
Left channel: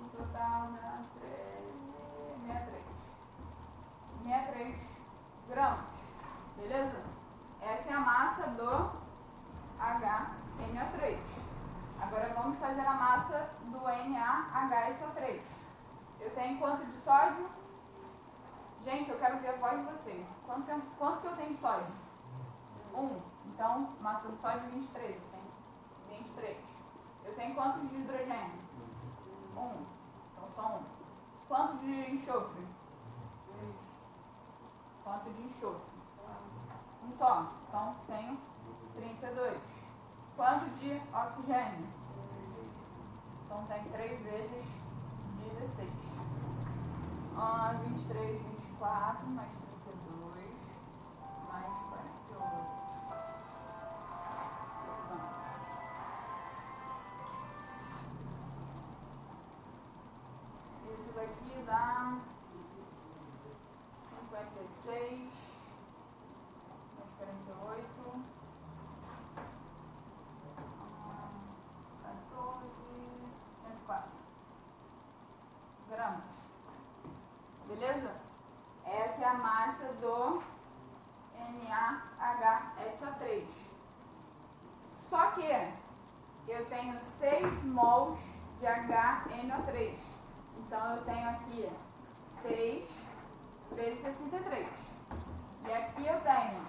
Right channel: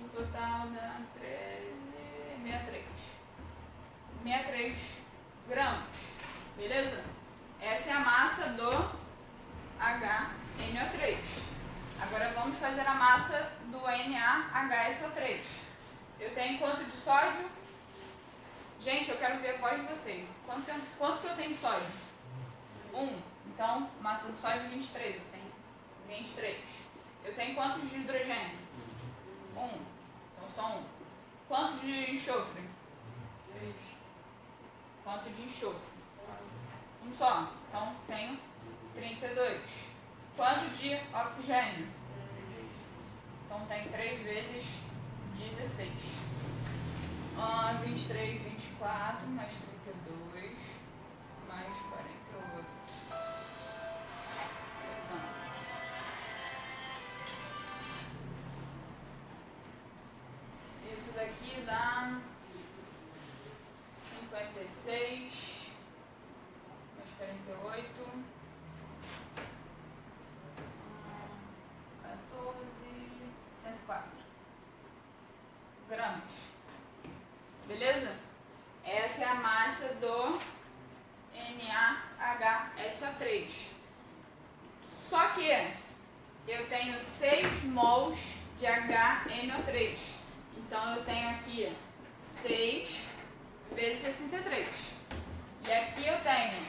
O total dá 13, 63. 63 gramas. Beleza? Essa é a massa do HNO3. Agora vamos fazer a massa do NaHSO3. Eu tenho quanto de sódio? Gente, eu quero ver a voz de vocês. Quanto que eu tenho de sódio? 1. Então, massa do sódio 23. Eu tenho 23. Eu tenho quantos de hidrogênio? 1. Então, só 1. Quantos de enxofre? 3. Quanto de enxofre? Um só. Então, tenho 32. Quanto de oxigênio? Então, tem 3 vezes 16. 23, 24, mais 32, mais 48. Isso daqui dá 56, mais 48. 104 gramas. Beleza? Essa é a massa do NaHSO3. Só que eu tenho 6 mols de HNO3. Então eu tenho aqui 6 vezes 63. E aqui eu tenho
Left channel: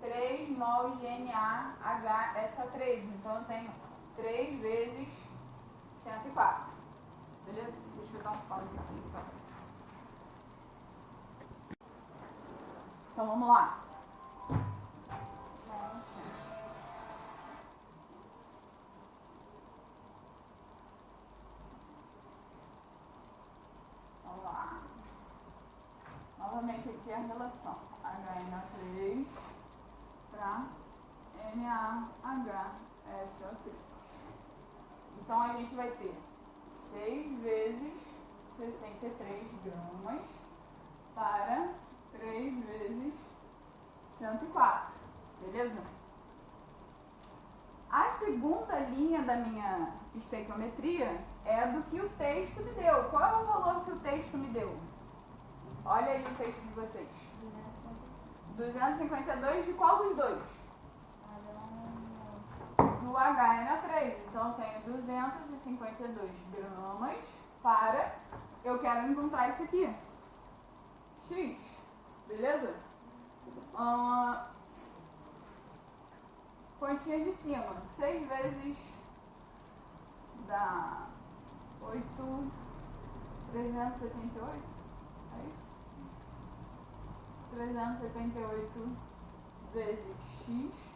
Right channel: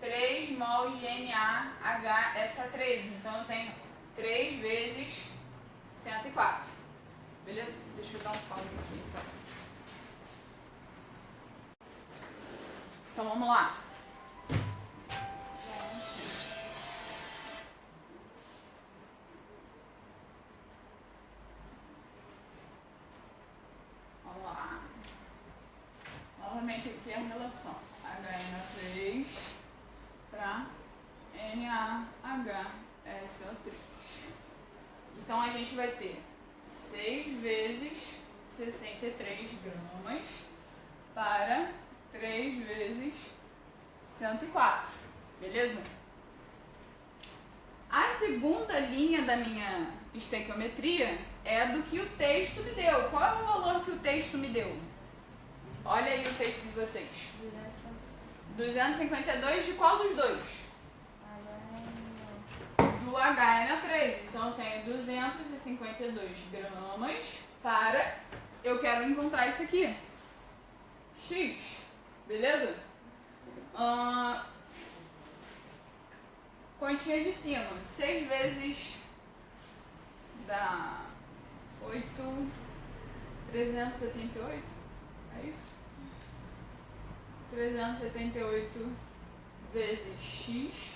3 mols de NaHSO3. Então eu tenho 3 vezes 104. Beleza? Deixa eu dar um pause aqui. Então vamos lá. Vamos lá. Novamente aqui a relação HNO3 para NaHSO3. Então a gente vai ter 6 vezes 63 gramas para 3 vezes 104, beleza? A segunda linha da minha estequiometria é do que o texto me deu. Qual é o valor que o texto me deu? Olha aí o texto de vocês. 252 de qual dos dois? Do HNO3. Então eu tenho 252 gramas para... Eu quero encontrar isso aqui. X. Beleza? Continha de cima. 6 vezes dá 8, 378. É isso? 378 vezes x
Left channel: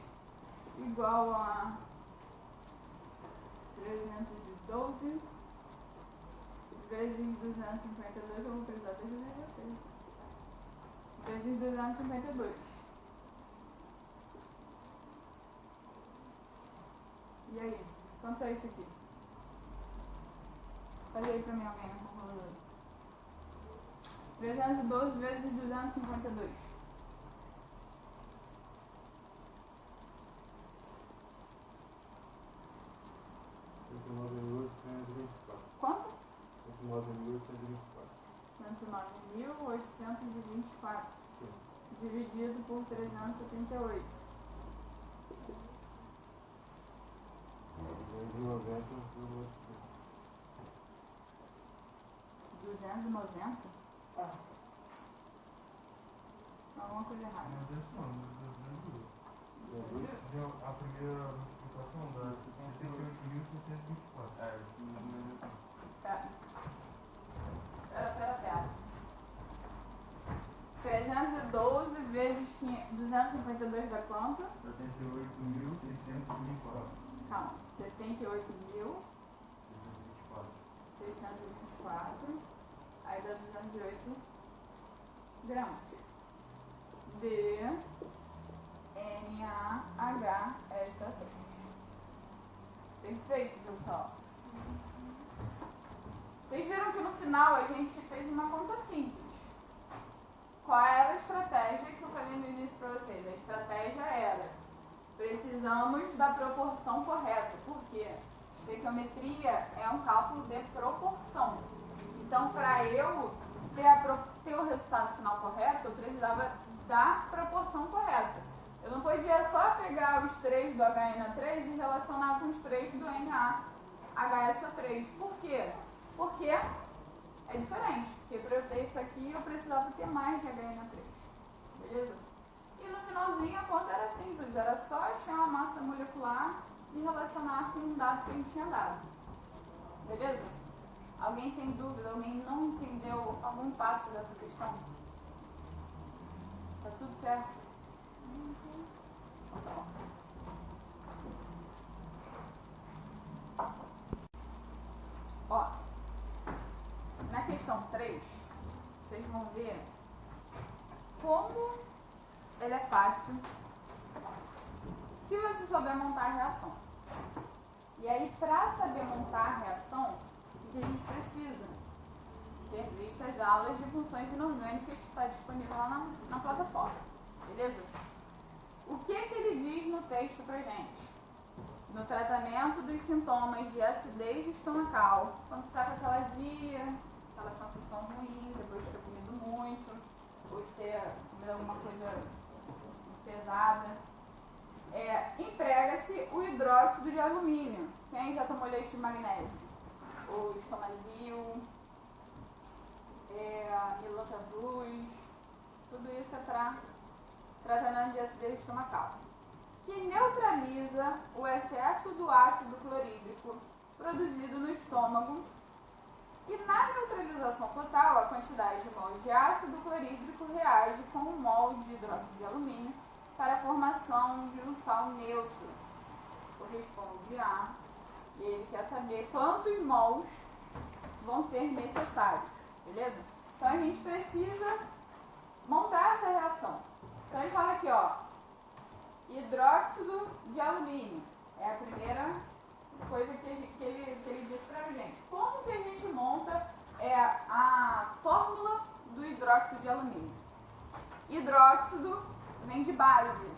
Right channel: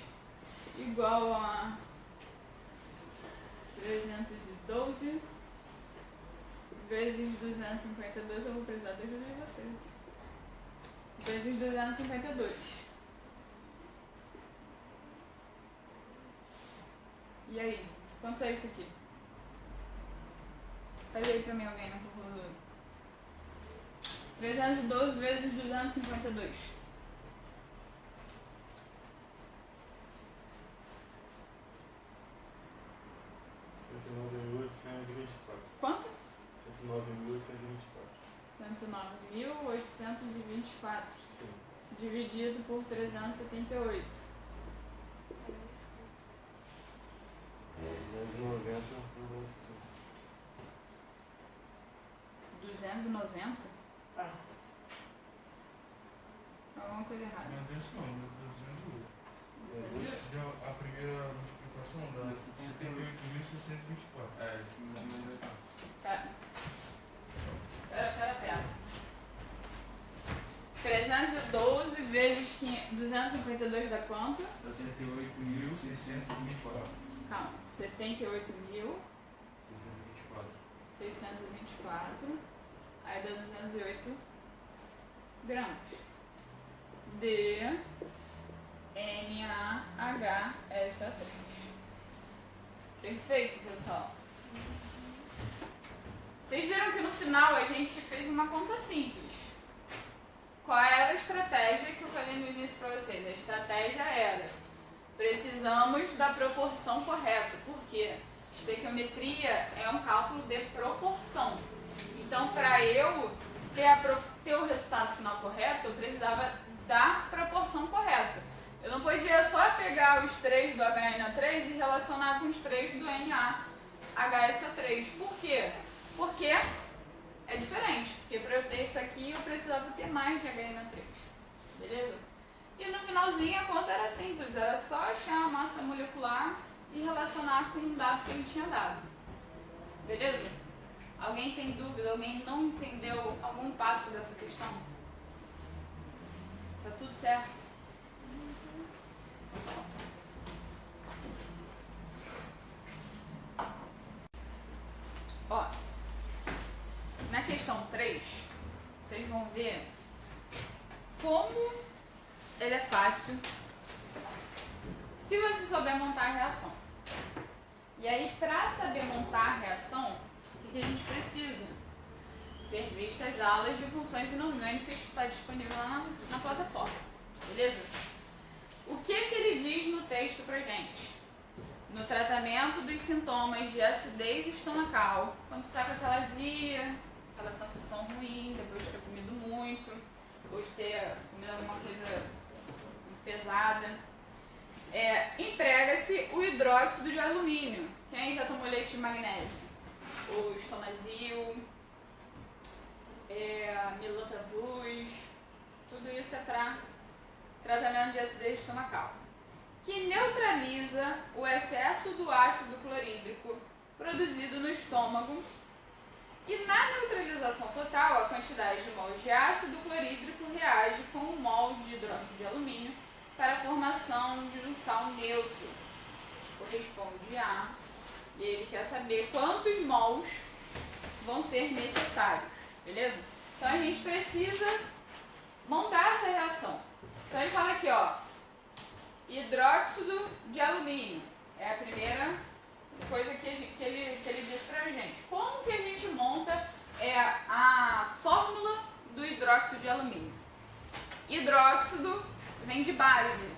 igual a 312 vezes 252. Eu vou precisar da ajuda de vocês aqui. Vezes 252. E aí? Quanto é isso aqui? Faz aí pra mim alguém no calculador. 312 vezes 252. 109.824. Quanto? 109.824. 109.824. Sim. Dividido por 378. 290. 290? Alguma coisa errada. Não deu isso não, deu 208. Deu a primeira multiplicação da 78.624. É, isso mesmo. Pera. 312 vezes 252 dá quanto? 78.624. Calma. 78.624. Aí dá 208 gramas. NaHSO3. Perfeito, pessoal. Vocês viram que no final a gente fez uma conta simples. Qual era a estratégia que eu falei no início para vocês? A estratégia era: precisamos da proporção correta. Por quê? Estequiometria é um cálculo de proporção. Então, para eu ter o resultado final correto, eu precisava da proporção correta. Eu não podia só pegar os 3 do HNO3 e relacionar com os 3 do NaHSO3. Por quê? Porque é diferente. Porque para eu ter isso aqui, eu precisava ter mais de HNO3. Beleza? E no finalzinho a conta era simples. Era só achar a massa molecular e relacionar com um dado que ele tinha dado. Beleza? Alguém tem dúvida? Alguém não entendeu algum passo dessa questão? Tá tudo certo? Ó, na questão 3, vocês vão ver como ele é fácil se você souber montar a reação. E aí, para saber montar a reação, o que a gente precisa? Ter visto as aulas de funções inorgânicas que está disponível lá na plataforma. Beleza? O que ele diz no texto pra gente? No tratamento dos sintomas de acidez estomacal, quando você está com aquela azia, aquela sensação ruim, depois de ter comido muito, depois de ter comido alguma coisa pesada, emprega-se o hidróxido de alumínio. Quem já tomou leite de magnésio? Ou Estomazil, Milanta Plus, tudo isso é para tratamento de acidez estomacal, que neutraliza o excesso do ácido clorídrico produzido no estômago, e na neutralização total, a quantidade de mols de ácido clorídrico reage com um mol de hidróxido de alumínio para a formação de um sal neutro, corresponde a, e ele quer saber quantos mols vão ser necessários, beleza? Então a gente precisa montar essa reação. Então ele fala aqui, ó, hidróxido de alumínio é a primeira coisa que ele disse pra gente. Como que a gente monta a fórmula do hidróxido de alumínio? Hidróxido vem de base,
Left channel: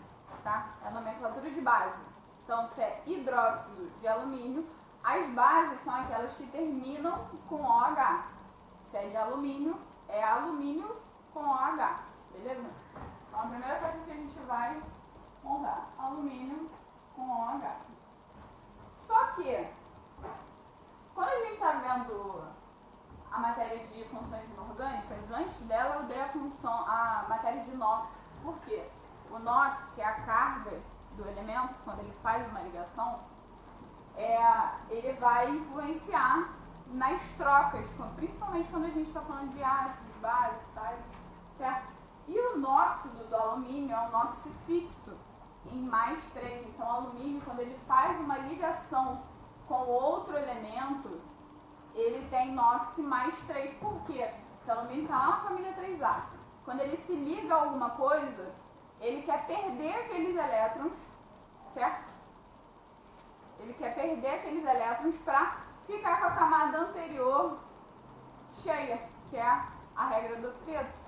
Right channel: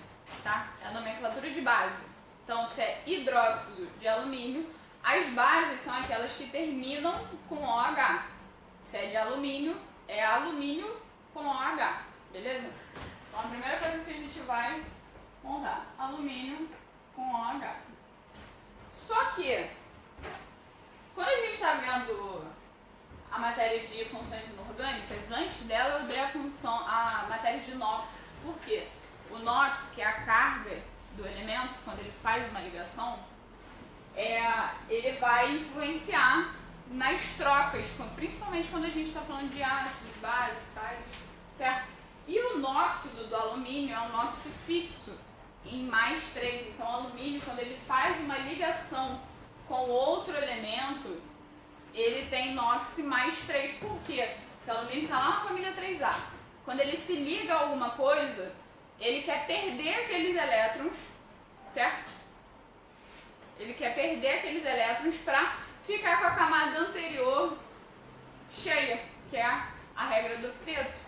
tá? É a nomenclatura de base. Então, se é hidróxido de alumínio, as bases são aquelas que terminam com OH. Se é de alumínio, é alumínio com OH, beleza? Então, a primeira coisa que a gente vai montar, alumínio com OH. Só que, quando a gente está vendo a matéria de funções inorgânicas, antes dela eu dei a matéria de NOx. Por quê? O NOx, que é a carga do elemento, quando ele faz uma ligação, ele vai influenciar nas trocas, principalmente quando a gente está falando de ácidos, bases, sais, certo? E o nóxido do alumínio é um NOx fixo, em +3. Então, o alumínio, quando ele faz uma ligação com outro elemento, ele tem NOx +3. Por quê? Porque o alumínio está lá na família 3A. Quando ele se liga a alguma coisa, ele quer perder aqueles elétrons, certo? Ele quer perder aqueles elétrons para ficar com a camada anterior cheia, que é a regra do octeto.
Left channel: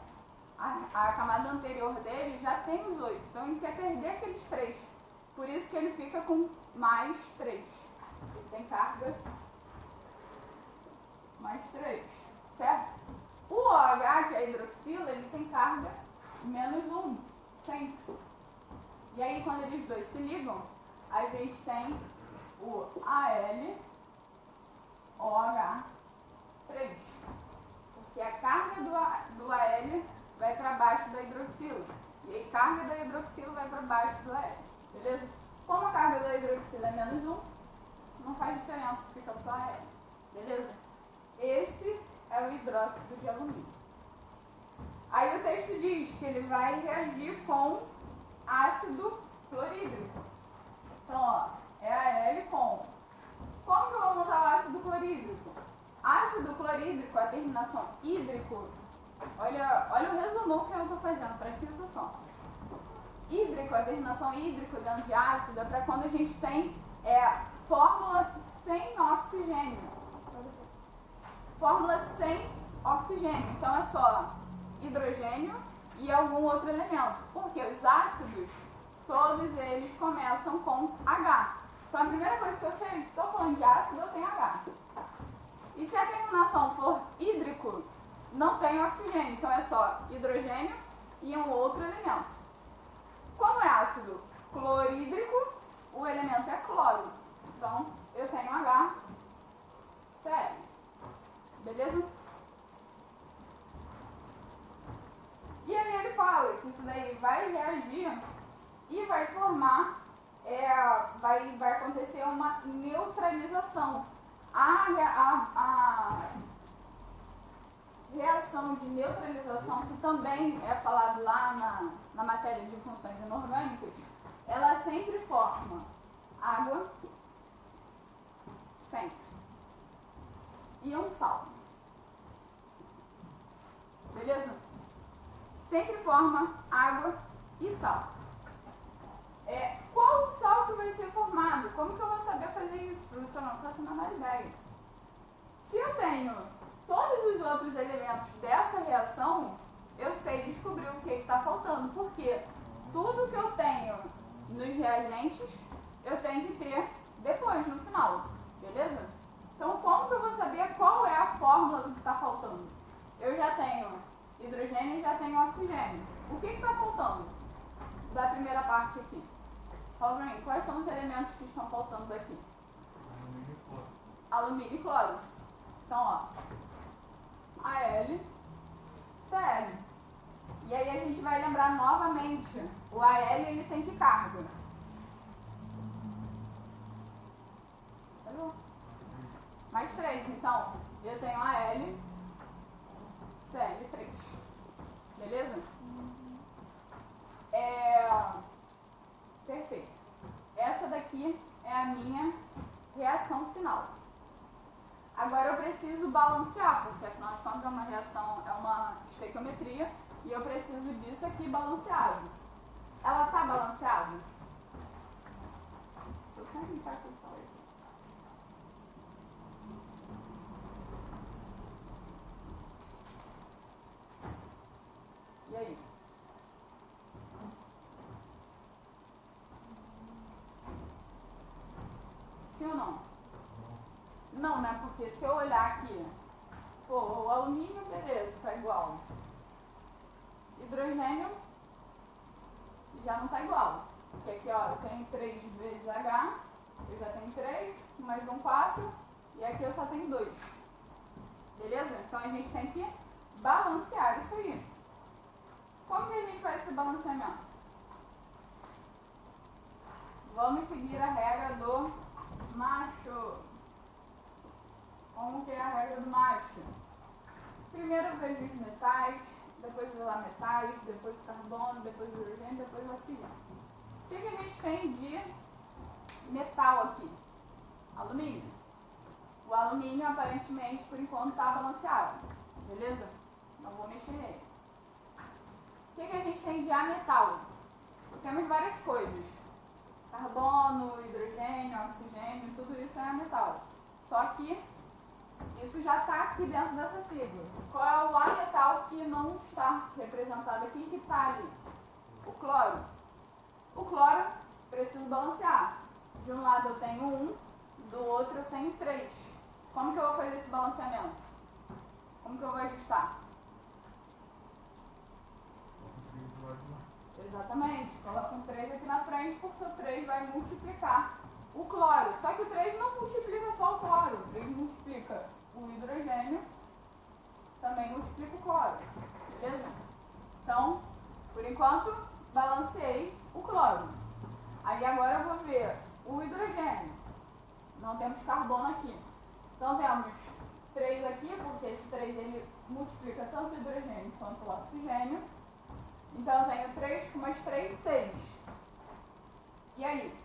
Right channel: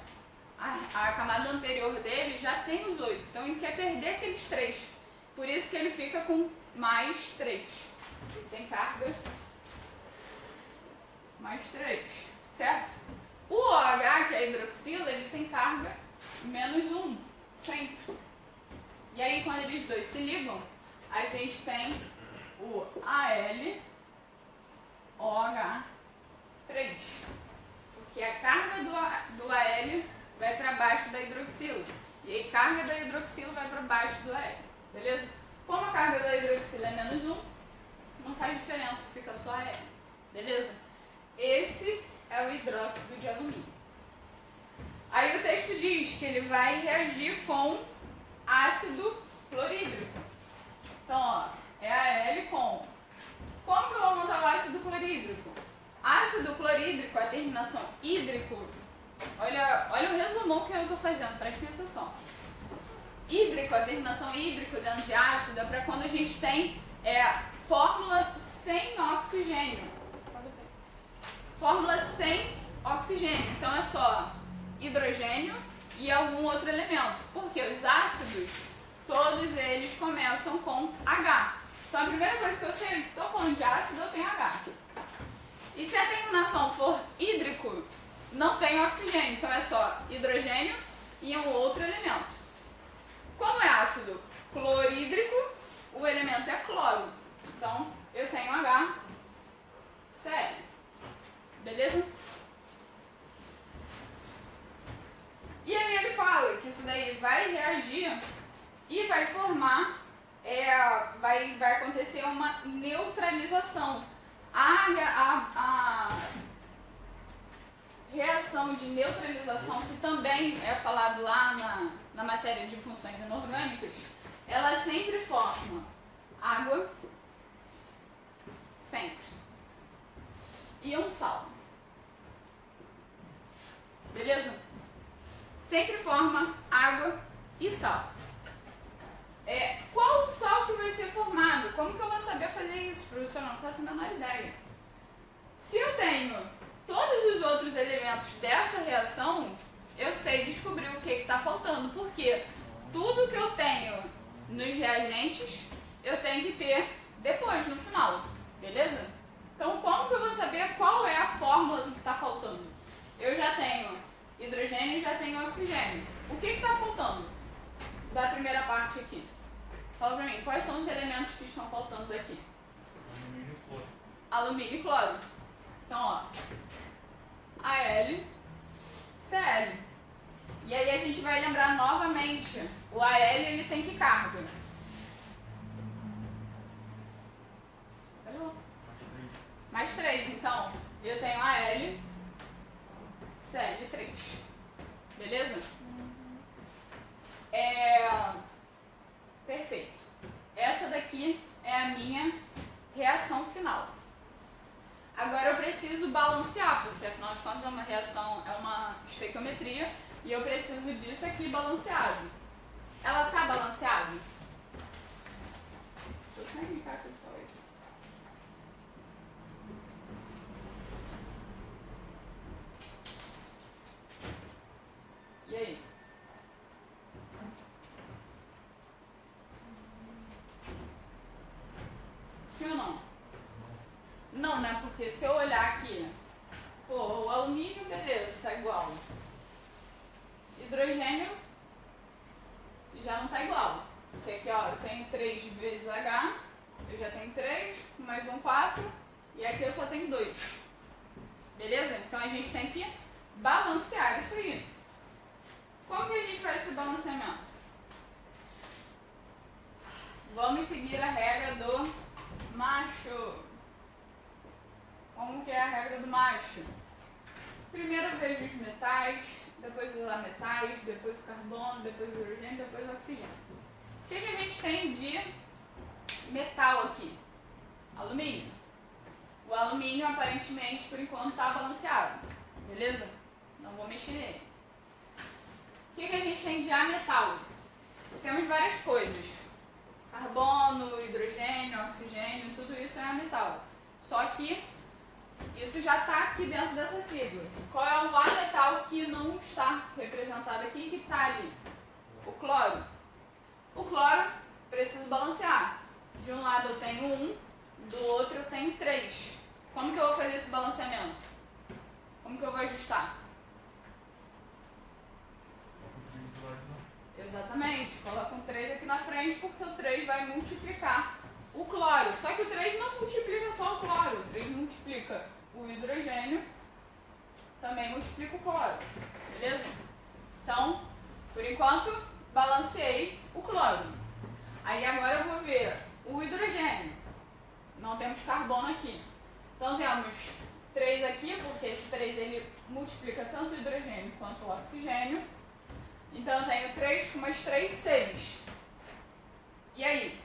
A camada anterior dele já tem os 8, então ele quer perder aqueles 3. Por isso que ele fica com +3. Ele tem carga +3, certo? O OH, que é a hidroxila, ele tem carga -1, sempre. E aí, quando eles dois se ligam, a gente tem o AlOH3. Porque a carga do Al vai para baixo da hidroxila. E a carga da hidroxila vai para baixo do Al. Beleza? Como a carga da hidroxila é -1, não faz diferença, fica só Al. Beleza? Esse é o hidróxido de alumínio. Aí o texto diz que ele vai reagir com ácido clorídrico. Então, ó, é Al com. Como que eu vou montar o ácido clorídrico? Ácido clorídrico, a terminação hídrico. Olha o resumão que eu estou fazendo, prestem atenção. Hídrico, a terminação hídrico dentro de ácido, é para quando a gente tem fórmula sem oxigênio. Fórmula sem oxigênio. Então é só hidrogênio e algum outro elemento. Porque os ácidos, todos eles começam com H. Então a primeira coisa que eu sei é, se estou falando de ácido, eu tenho H. E se a terminação for hídrico, não tem oxigênio. Então é só hidrogênio e um outro elemento. Como é ácido clorídrico, o elemento é cloro. Então eu tenho HCl. Beleza? E aí ele fala que isso daí vai reagir e vai formar, vai acontecer uma neutralização. A reação de neutralização, que também é falado lá na matéria de funções inorgânicas, ela sempre forma água, sempre, e um sal. Beleza? Sempre forma água e sal. Qual o sal que vai ser formado? Como que eu vou saber fazer isso, professor? Não faço a menor ideia. Se eu tenho todos os outros elementos dessa reação, eu sei descobrir o que está faltando. Porque tudo que eu tenho nos reagentes, eu tenho que ter depois, no final. Beleza? Então, como que eu vou saber qual é a fórmula do que está faltando? Eu já tenho hidrogênio e já tenho oxigênio. O que está faltando da primeira parte aqui? Fala pra mim, quais são os elementos que estão faltando daqui? Alumínio e cloro. Alumínio e cloro. Então, ó, AlCl. E aí a gente vai lembrar novamente, o Al ele tem que carga? +3. Então, eu tenho AlCl3. Beleza? Perfeito. Essa daqui é a minha reação final. Agora eu preciso balancear, porque afinal de contas é uma reação, é uma estequiometria, e eu preciso disso aqui balanceado. Ela está balanceada? Deixa eu só indicar aqui só isso. Porque se eu olhar aqui, pô, o alumínio, beleza, tá igual. Hidrogênio já não tá igual. Porque aqui, ó, eu tenho 3 vezes H, eu já tenho 3, mais um 4, e aqui eu só tenho 2. Beleza? Então a gente tem que balancear isso aí. Como que a gente faz esse balanceamento? Vamos seguir a regra do macho. Como que é a regra do macho? Primeiro eu vejo os metais, depois os ametais, depois o carbono, depois o hidrogênio, depois o oxigênio. O que a gente tem de metal aqui? Alumínio. O alumínio aparentemente por enquanto está balanceado. Beleza? Não vou mexer nele. O que a gente tem de ametal? Temos várias coisas. Carbono, hidrogênio, oxigênio, tudo isso é ametal. Só que isso já está aqui dentro dessa sigla. Qual é o ametal que não está representado aqui e que está ali? O cloro. O cloro preciso balancear. De um lado eu tenho 1, do outro eu tenho 3. Como que eu vou fazer esse balanceamento? Como que eu vou ajustar? Exatamente, coloca um 3 aqui na frente porque o 3 vai multiplicar o cloro. Só que o 3 não multiplica só o cloro, o 3 multiplica o hidrogênio, também multiplica o cloro. Beleza? Então, por enquanto, balanceei o cloro. Aí agora eu vou ver o hidrogênio. Não temos carbono aqui. Então temos 3 aqui, porque esse 3 ele multiplica tanto o hidrogênio quanto o oxigênio. Então eu tenho 3 com mais 3, 6. E aí?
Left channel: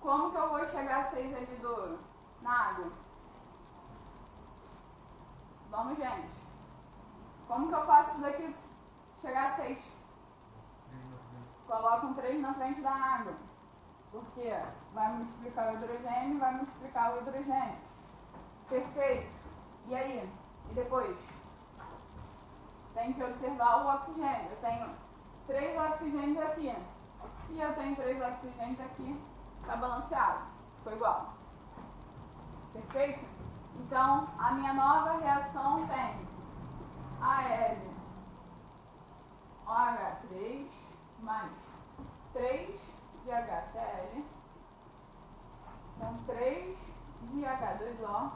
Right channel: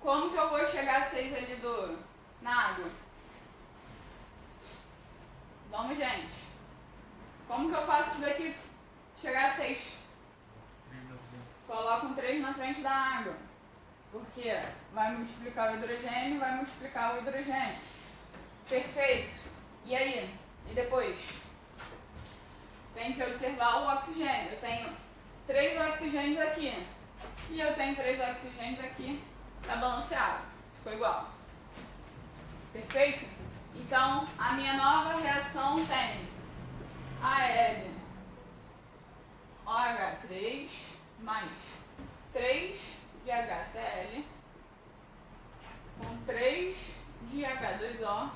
Como que eu vou chegar a 6 ali na água? Vamos, gente. Como que eu faço isso daqui chegar a 6? Coloco um 3 na frente da água. Porque vai multiplicar o hidrogênio, vai multiplicar o hidrogênio. Perfeito. E aí? E depois? Tem que observar o oxigênio. Eu tenho 3 oxigênios aqui. E eu tenho 3 oxigênios aqui. Está balanceado. Ficou igual. Perfeito? Então, a minha nova reação tem Al OH3 mais 3 de HCl com 3 de H2O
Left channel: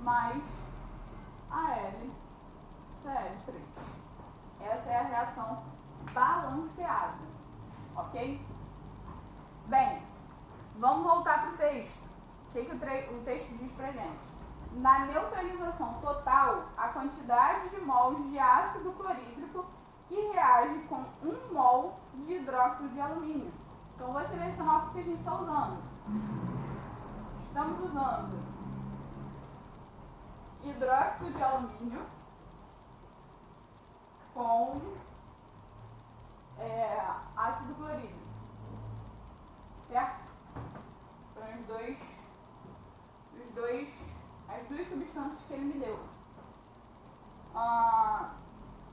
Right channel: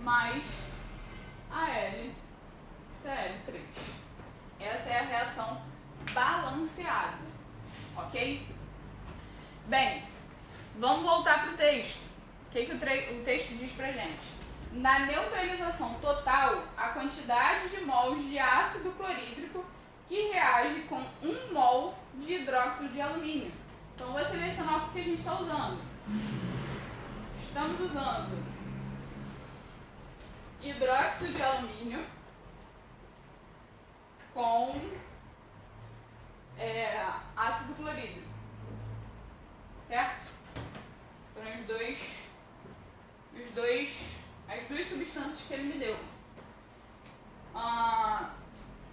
mais AlCl3. Essa é a reação balanceada, ok? Bem, vamos voltar para o texto. O que o texto diz pra gente? Na neutralização total, a quantidade de mols de ácido clorídrico que reage com 1 mol de hidróxido de alumínio. Então, vou selecionar o que a gente está usando. Estamos usando hidróxido de alumínio com ácido clorídrico. Certo? Foram as duas substâncias que ele me deu.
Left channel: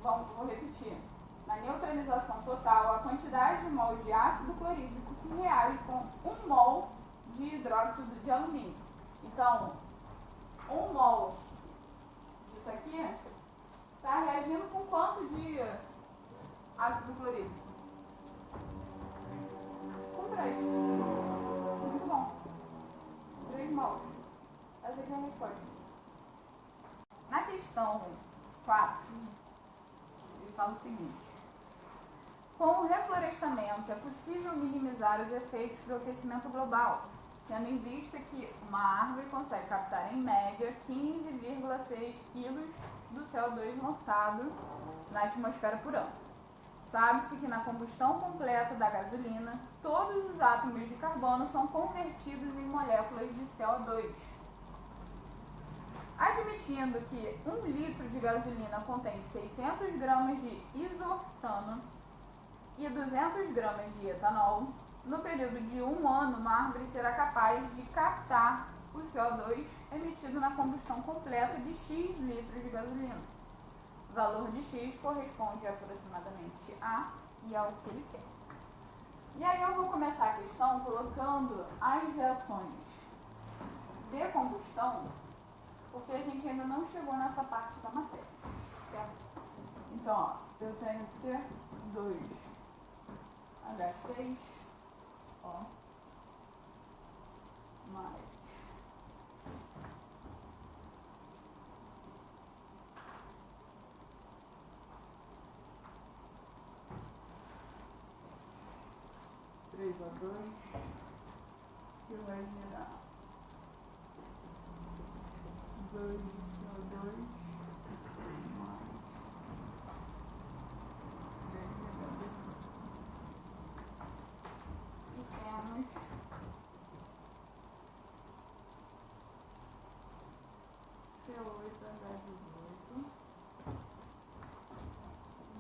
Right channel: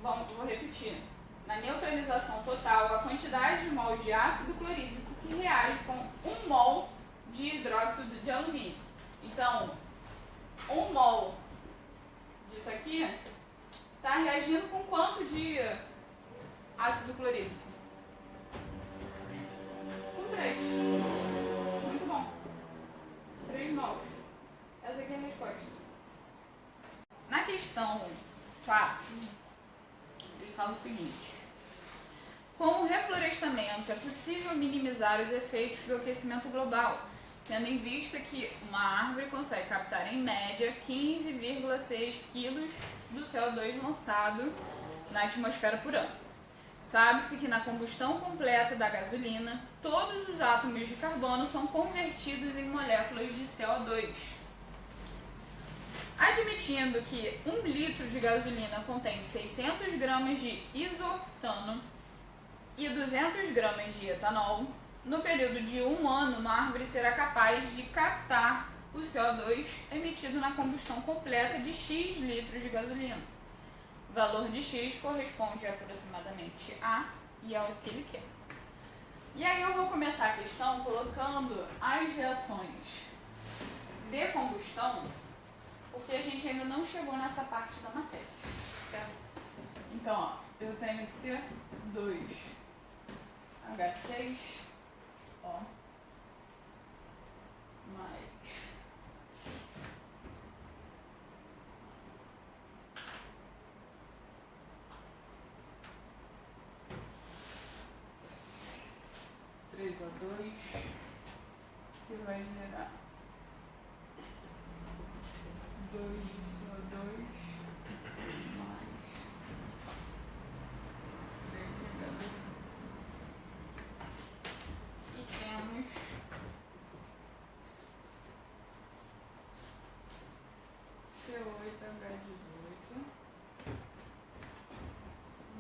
Vou repetir. Na neutralização total, a quantidade de mols de ácido clorídrico que reage com 1 mol de hidróxido de alumínio. Então, 1 mol disso aqui está reagindo com quanto de ácido clorídrico? Com 3. Muito bom. 3 mols. Essa aqui é a resposta. Na questão 4, ele fala o seguinte: com o reflorestamento é possível minimizar os efeitos do aquecimento global, tendo em vista que uma árvore consegue captar em média 15,6 kg do CO2 lançado na atmosfera por ano. Sabe-se que na combustão completa da gasolina, todos os átomos de carbono são convertidos em moléculas de CO2. Admitindo que 1 litro de gasolina contém 600 gramas de isoctano e 200 gramas de etanol, no período de 1 ano, uma árvore será capaz de captar o CO2 emitido na combustão completa de X litros de gasolina. O valor de X corresponde aproximadamente a e ao que ele quer. E aí eu vou começar a questão colocando as reações de combustão, porque a gente ainda não chegou nessa parte da matéria, certo? Então, ó, eu tenho C2H6, ó, mais O2, que vai gerar 2 de CO2 mais 3 de H2. E temos C8H18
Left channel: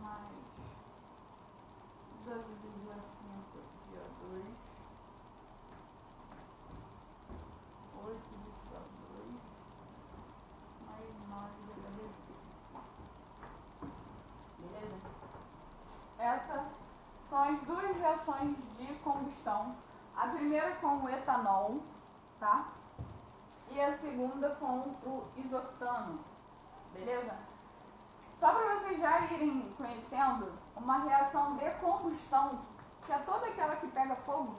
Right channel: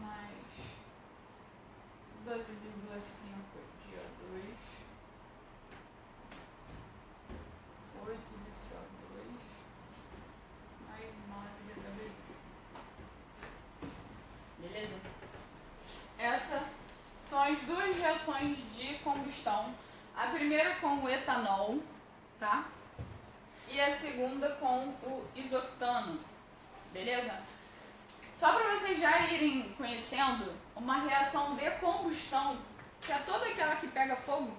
mais 12,5 de O2, 8 de CO2 mais 9 de H2. Beleza? Essas são as duas reações de combustão. A primeira com o etanol, tá? E a segunda com o isoctano. Beleza? Só para vocês já irem conhecendo, uma reação de combustão, que é toda aquela que pega fogo,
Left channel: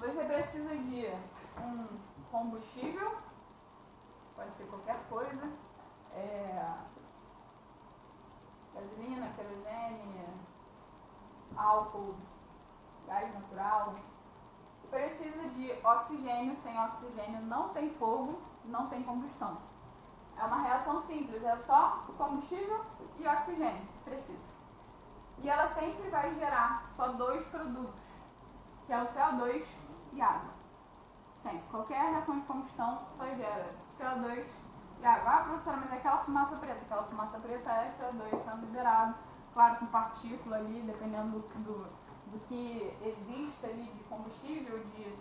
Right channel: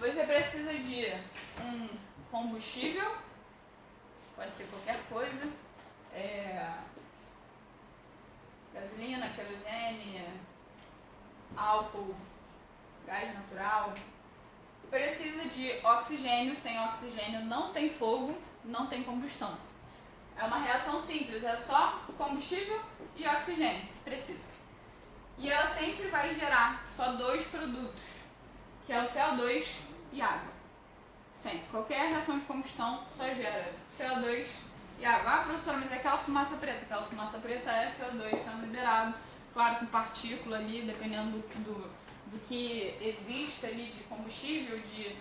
você precisa de um combustível, pode ser qualquer coisa, gasolina, querosene, álcool, gás natural. Precisa de oxigênio, sem oxigênio não tem fogo, não tem combustão. É uma reação simples, é só combustível e oxigênio que precisa. E ela sempre vai gerar só dois produtos, que é o CO2 e água. Sempre. Qualquer reação de combustão só gera CO2 e água. Ah, professora, mas é aquela fumaça preta. Aquela fumaça preta é CO2 sendo liberado, claro, com partícula ali, dependendo do que existe ali de combustível, de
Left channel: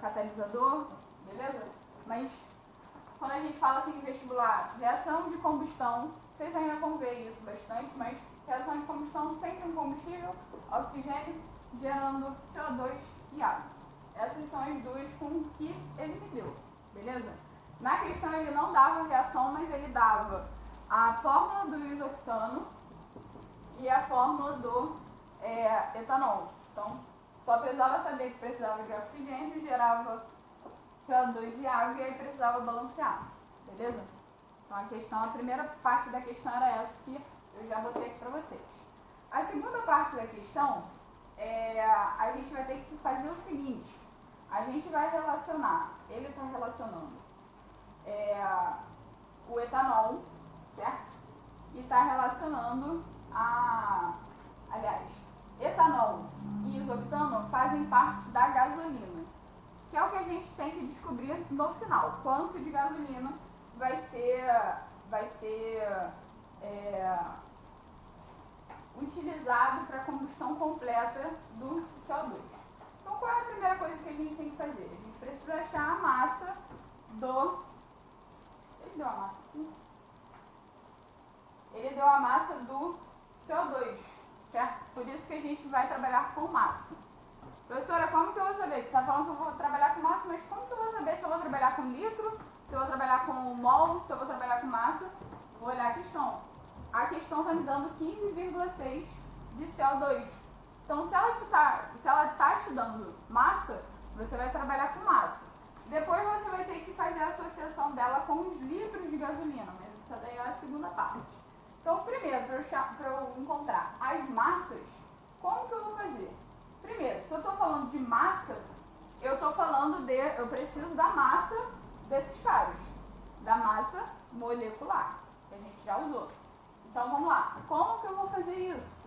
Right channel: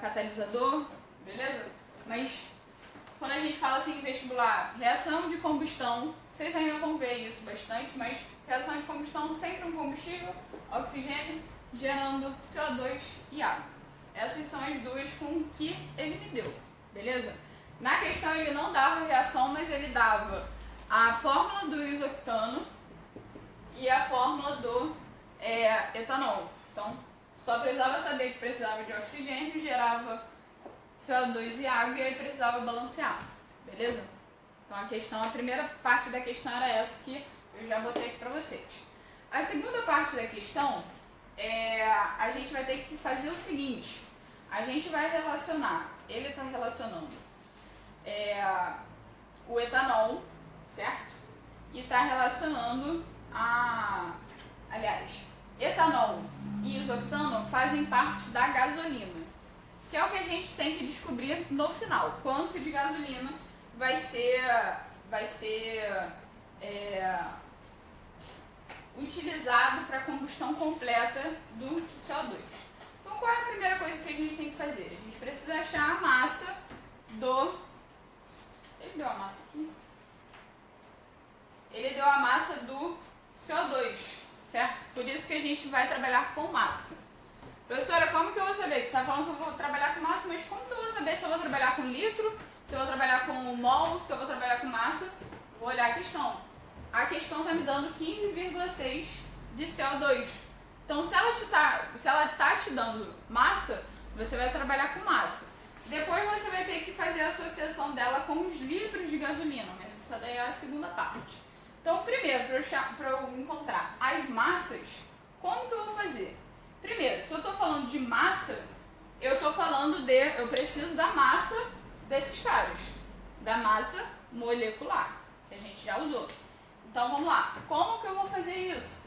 catalisador, beleza? Mas quando a gente fala assim em vestibular, reação de combustão, vocês ainda vão ver isso bastante, mas reação de combustão sempre um combustível, oxigênio, gerando CO2 e água. Essas são as duas com que ele me deu, beleza? Na questão ele não dava reação, mas ele dava a fórmula do isoctano e a fórmula do etanol. Então, só precisava saber que precisava de oxigênio, gerava CO2 e água e aí precisava balancear, beleza? Então a primeira parte da questão era essa que eu já botei aqui para vocês. A segunda parte da questão, a gente vai ter que fazer o seguinte, a gente vai relacionar, ele está relacionando o etanol, certo? E está relacionando aliás, etanol e isoctano fazem parte da gasolina, que é o que a gente tem que descobrir no final, quanto de gasolina vai ser utilizado para a combustão completa do CO2. Então, qual é a primeira coisa que a gente tem que fazer? A gente precisa achar a massa do... Ele deu a massa aqui? Ele deu a massa do CO2, certo? Por isso que a gente vai trabalhar com massa. Professora, como que eu vou saber? Você está falando que eu vou trabalhar com massa, mas como que eu vou saber se eu vou trabalhar com litro, se eu vou trabalhar com mol, se eu vou trabalhar com massa? Vou olhar a questão. A questão está me dando 15,6 de CO2. Então, se ela está te dando massa, você vai trabalhar com massa. Depois você vai ter que fazer a associação dela com os litros de gasolina, mas essa daí é a segunda parte. Então, primeiro, para eu encontrar as massas, como que eu vou fazer? Primeiro, se eu estou falando de massa, eu preciso da massa desses caras, da massa molecular, que a gente já usou. Então, vamos lá. Como que eu vou fazer isso?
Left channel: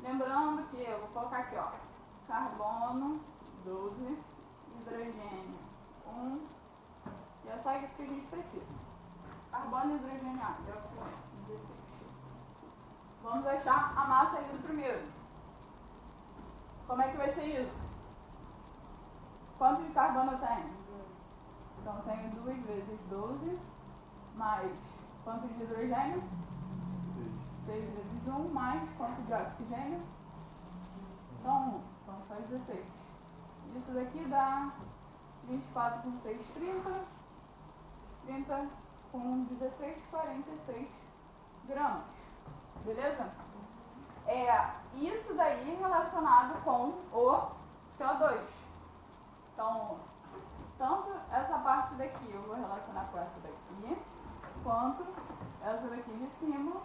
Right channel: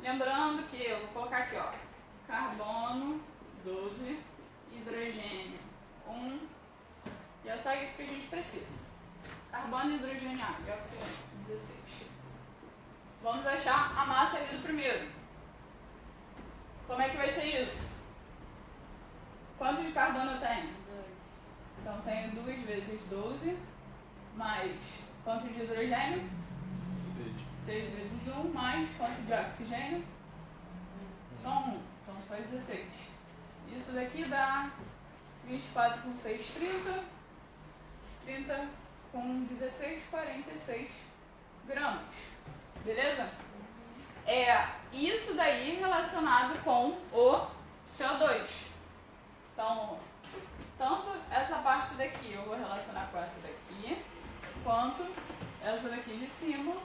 Lembrando que eu vou colocar aqui, ó, carbono 12, hidrogênio 1, e é só isso que a gente precisa. Carbono, hidrogênio, água e oxigênio, 16. Vamos achar a massa ali do primeiro. Como é que vai ser isso? Quanto de carbono eu tenho? 2. Então, tenho 2 vezes 12, mais quanto de hidrogênio? 6 vezes 1, mais quanto de oxigênio? Só 1, então só 16. Isso daqui dá 24 com 6, 30. 30 com 16, 46 gramas. Beleza? Isso daí relacionado com o CO2. Então, tanto essa parte daqui eu vou relacionar com essa daqui, quanto essa daqui de cima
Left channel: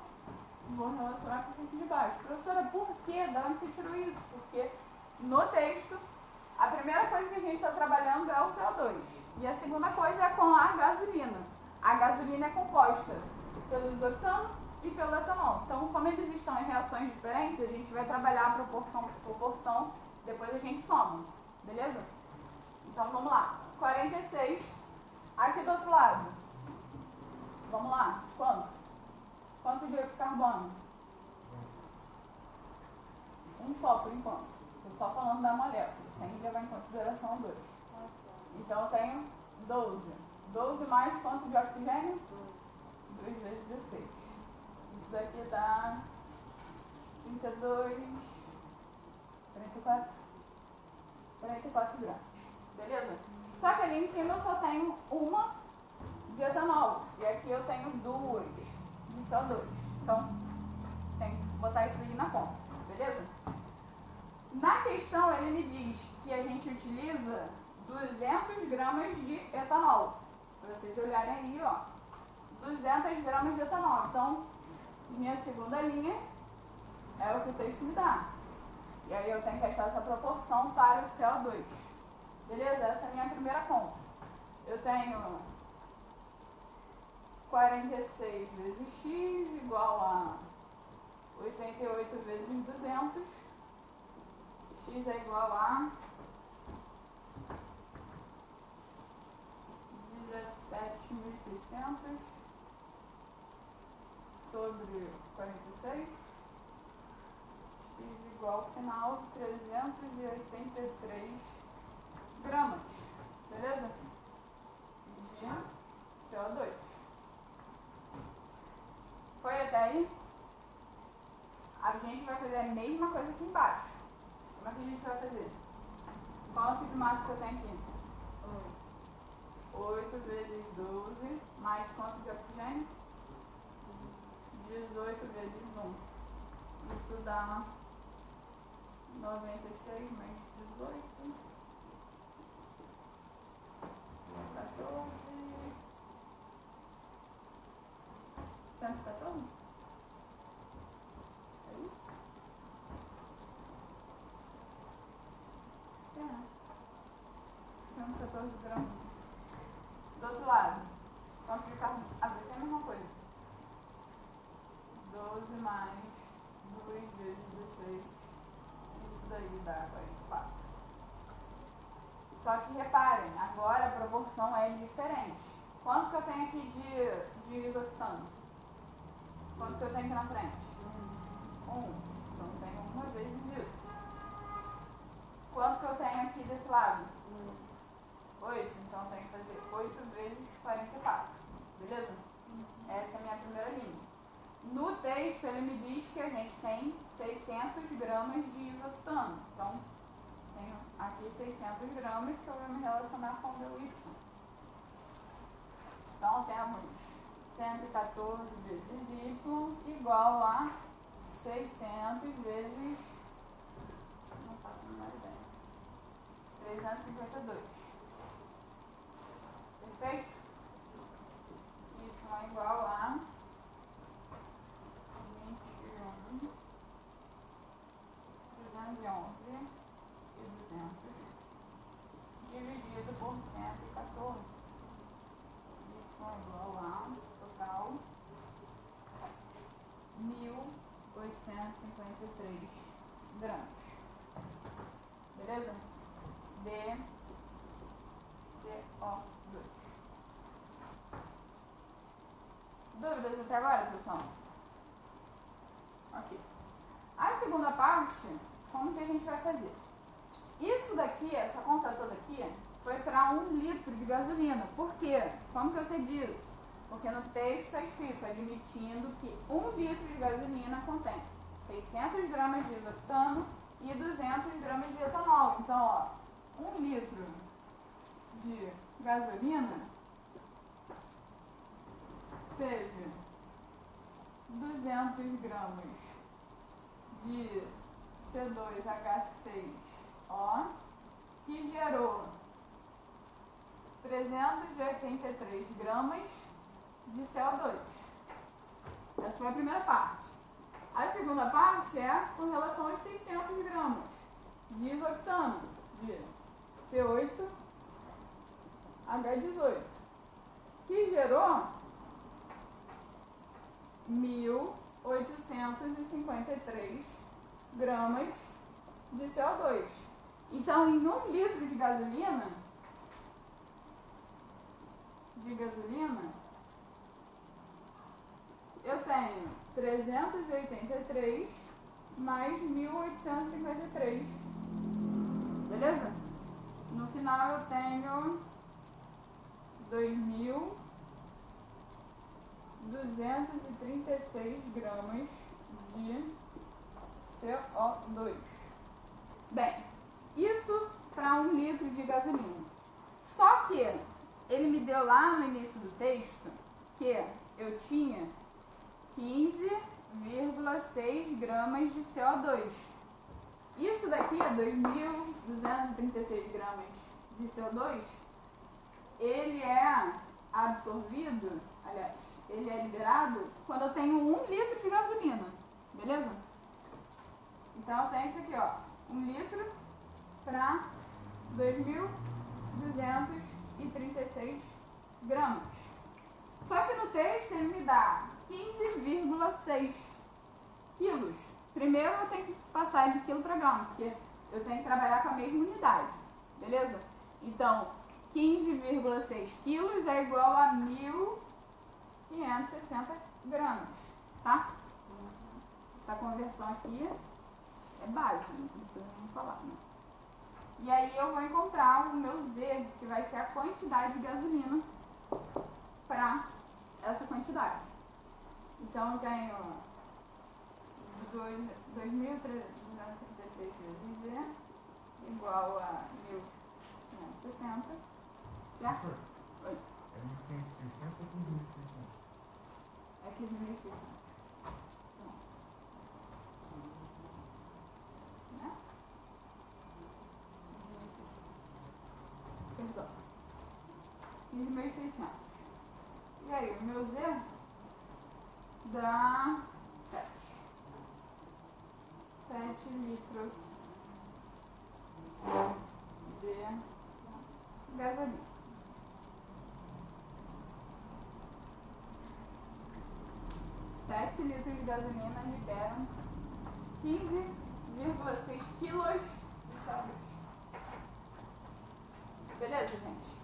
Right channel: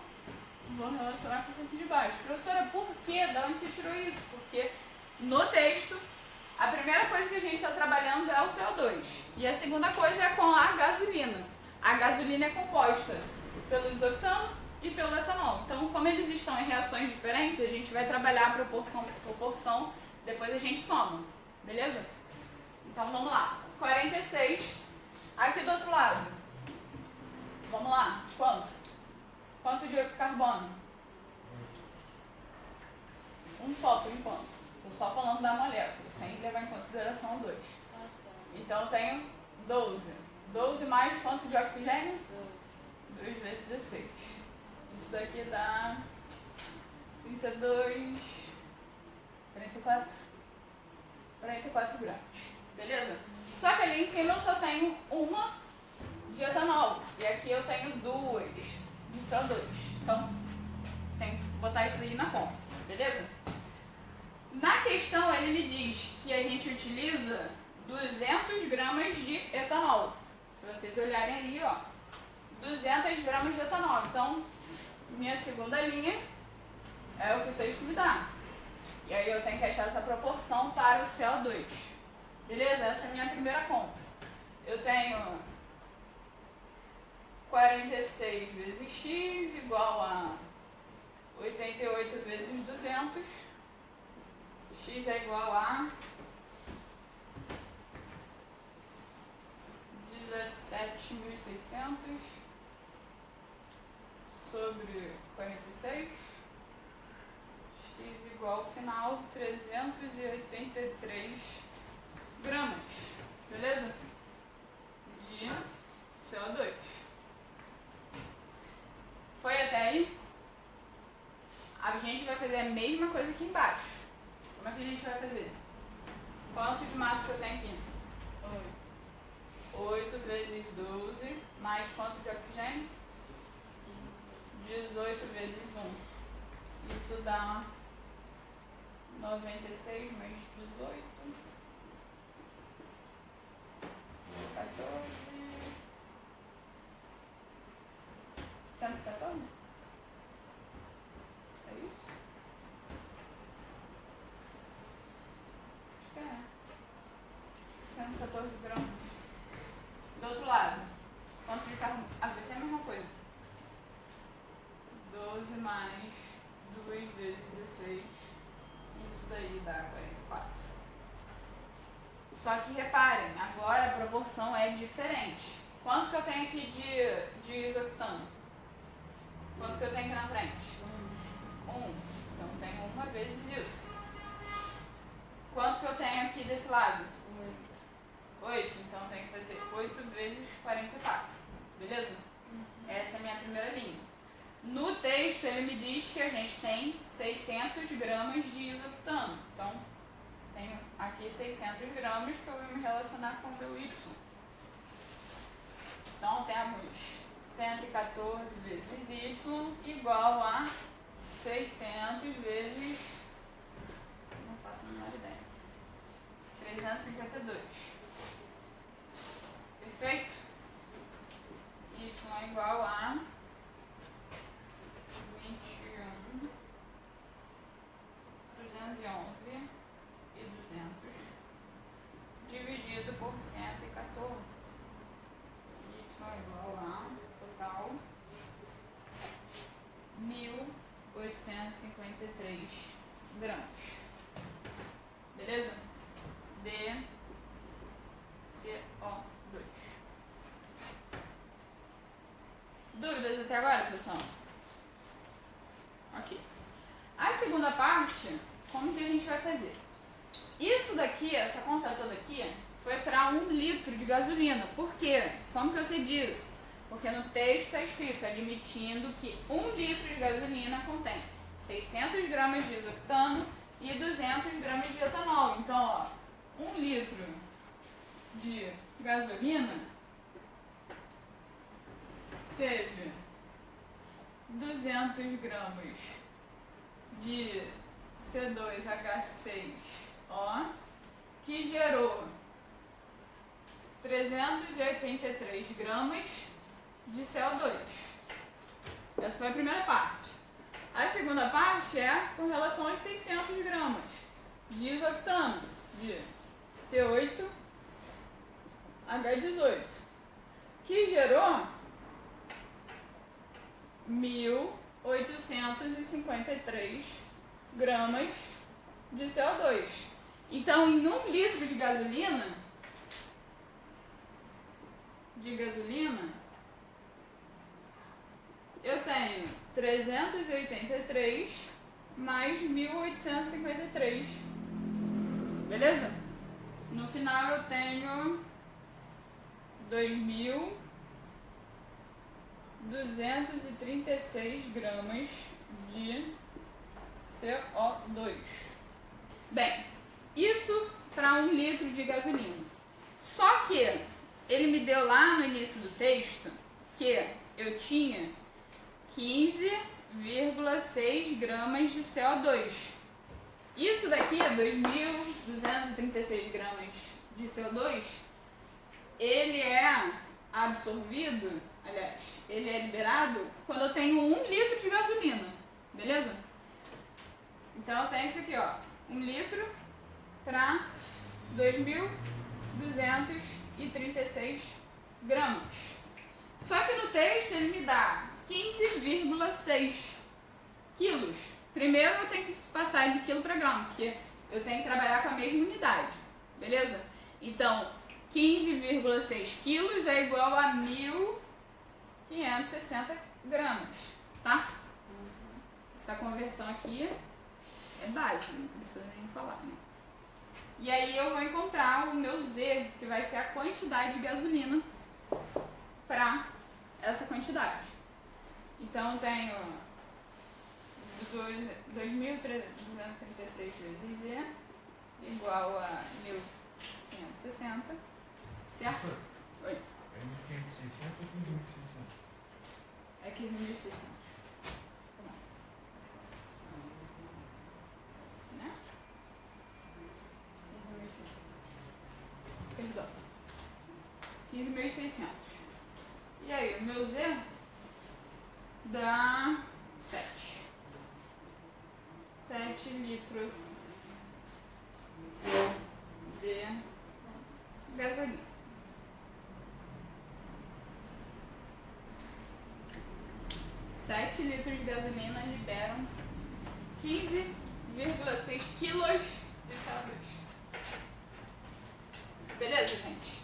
vou relacionar com essa aqui de baixo. Professora, por quê? De onde você tirou isso? Porque no texto, a primeira coisa que a gente está trabalhando é o CO2. E a segunda coisa é com a gasolina. A gasolina é composta pelo isoctano e pelo etanol. Então, como eles estão em reações diferentes, a gente vai trabalhar proporção por proporção, depois a gente soma. Beleza? Então, vamos lá. 46. Aqui do outro lado. Vamos lá. Quanto? Quanto de carbono? Um só, por enquanto. Estou só falando da molécula, sem levar em consideração o 2. Então, eu tenho 12. 12 mais quanto de oxigênio? 2 vezes 16. Isso daqui dá 32, 34 gramas. Beleza? Só que ali em cima eu só tenho uma de etanol. E aqui eu tenho 2 de CO2. Então, tem que botar isso aí na conta. Beleza? Na questão, ele me diz que a gente utiliza 200 gramas de etanol. Se vocês olharem aí, ó, 200 gramas de etanol. Então, minha segunda linha é o que o texto me dá. E aí eu tenho que achar essa proporção para o CO2. Beleza? Essa é a minha primeira conta. Eu tenho 46 vezes x igual a 88 vezes 200. X é igual a 17.600 sobre 46. X igual ao final 383 gramas. Beleza? De CO2. Foi até aí? A gente vai fazer a mesma coisa aqui embaixo. Como é que a gente vai fazer? Quanto de massa que eu tenho aqui? 8 vezes 12, mais quanto de oxigênio? 18 vezes 1. Isso dá 96 mais 18. 14. 114? É isso? Acho que é. 114 gramas. Do outro lado, quanto de carbono? Vai ser a mesma coisa. 12 mais 2 vezes 16. Isso daí dá 44. Só que reparem, agora a proporção é diferente. Quanto que eu tenho aqui de isoctano? Quanto que eu tenho aqui na frente? 1. Então eu tenho 1 vezes isso. Quanto que eu tenho aqui desse lado? 8. Então eu tenho que fazer 8 vezes 44. Beleza? Essa é a minha primeira linha. No texto ele me diz que a gente tem 600 gramas de isoctano. Então, tenho aqui 600 gramas que eu vou me relacionar com o meu Y. Então, temos 114 vezes Y igual a 600 vezes... Não faço a menor ideia. 352. Perfeito? Y é igual a 21, 211 e 200 dividido por 114. Y é igual a total 1.853 gramas. Beleza? De CO2. Dúvidas até agora, pessoal? Ok. A segunda parte, como que a gente vai fazer? Isso daqui, essa conta toda aqui, foi para 1 litro de gasolina. Por quê? Como que eu sei disso? Porque no texto está escrito, admitindo que 1 litro de gasolina contém 600 gramas de isoctano e 200 gramas de etanol. Então, ó, 1 litro de gasolina teve 200 gramas de C2H6O, que gerou 383 gramas de CO2. Essa foi a primeira parte. A segunda parte é com relação aos 600 gramas de isoctano, de C8H18, que gerou 1.853 gramas de CO2. Então, em 1 litro de gasolina, eu tenho 383 mais 1.853. Beleza? No final eu tenho 2.236 gramas de CO2. Bem, isso para 1 litro de gasolina. Só que ele me deu lá no início do texto que eu tinha 15,6 gramas de CO2. Isso daqui, 2.236 gramas de CO2, ele é absorvido, aliás, ele é liberado quando eu tenho 1 litro de gasolina, beleza? Então eu tenho isso aqui, ó, 1 litro para 2.236 gramas. Só que no texto ele me dá 15,6 quilos. Primeiro eu tenho que passar de quilo para grama, porque eu tenho que trabalhar com a mesma unidade, beleza? Então, 15,6 quilos é igual a 1.560 gramas, tá? Essa conversão aqui é básica, não precisa nem falar, né? E aí eu vou encontrar o meu Z, que vai ser a quantidade de gasolina para essa quantidade. Então eu tenho 2.336 vezes Z igual a 1.560, certo? Professor, Oi. é 1.560 ou 15.600? É 15.600. Né? 15.600. Perdão. 15.600. E aí, o meu Z dá 7 litros de gasolina. Sete litros de gasolina liberam 15,6 quilos de CO2. Beleza, gente?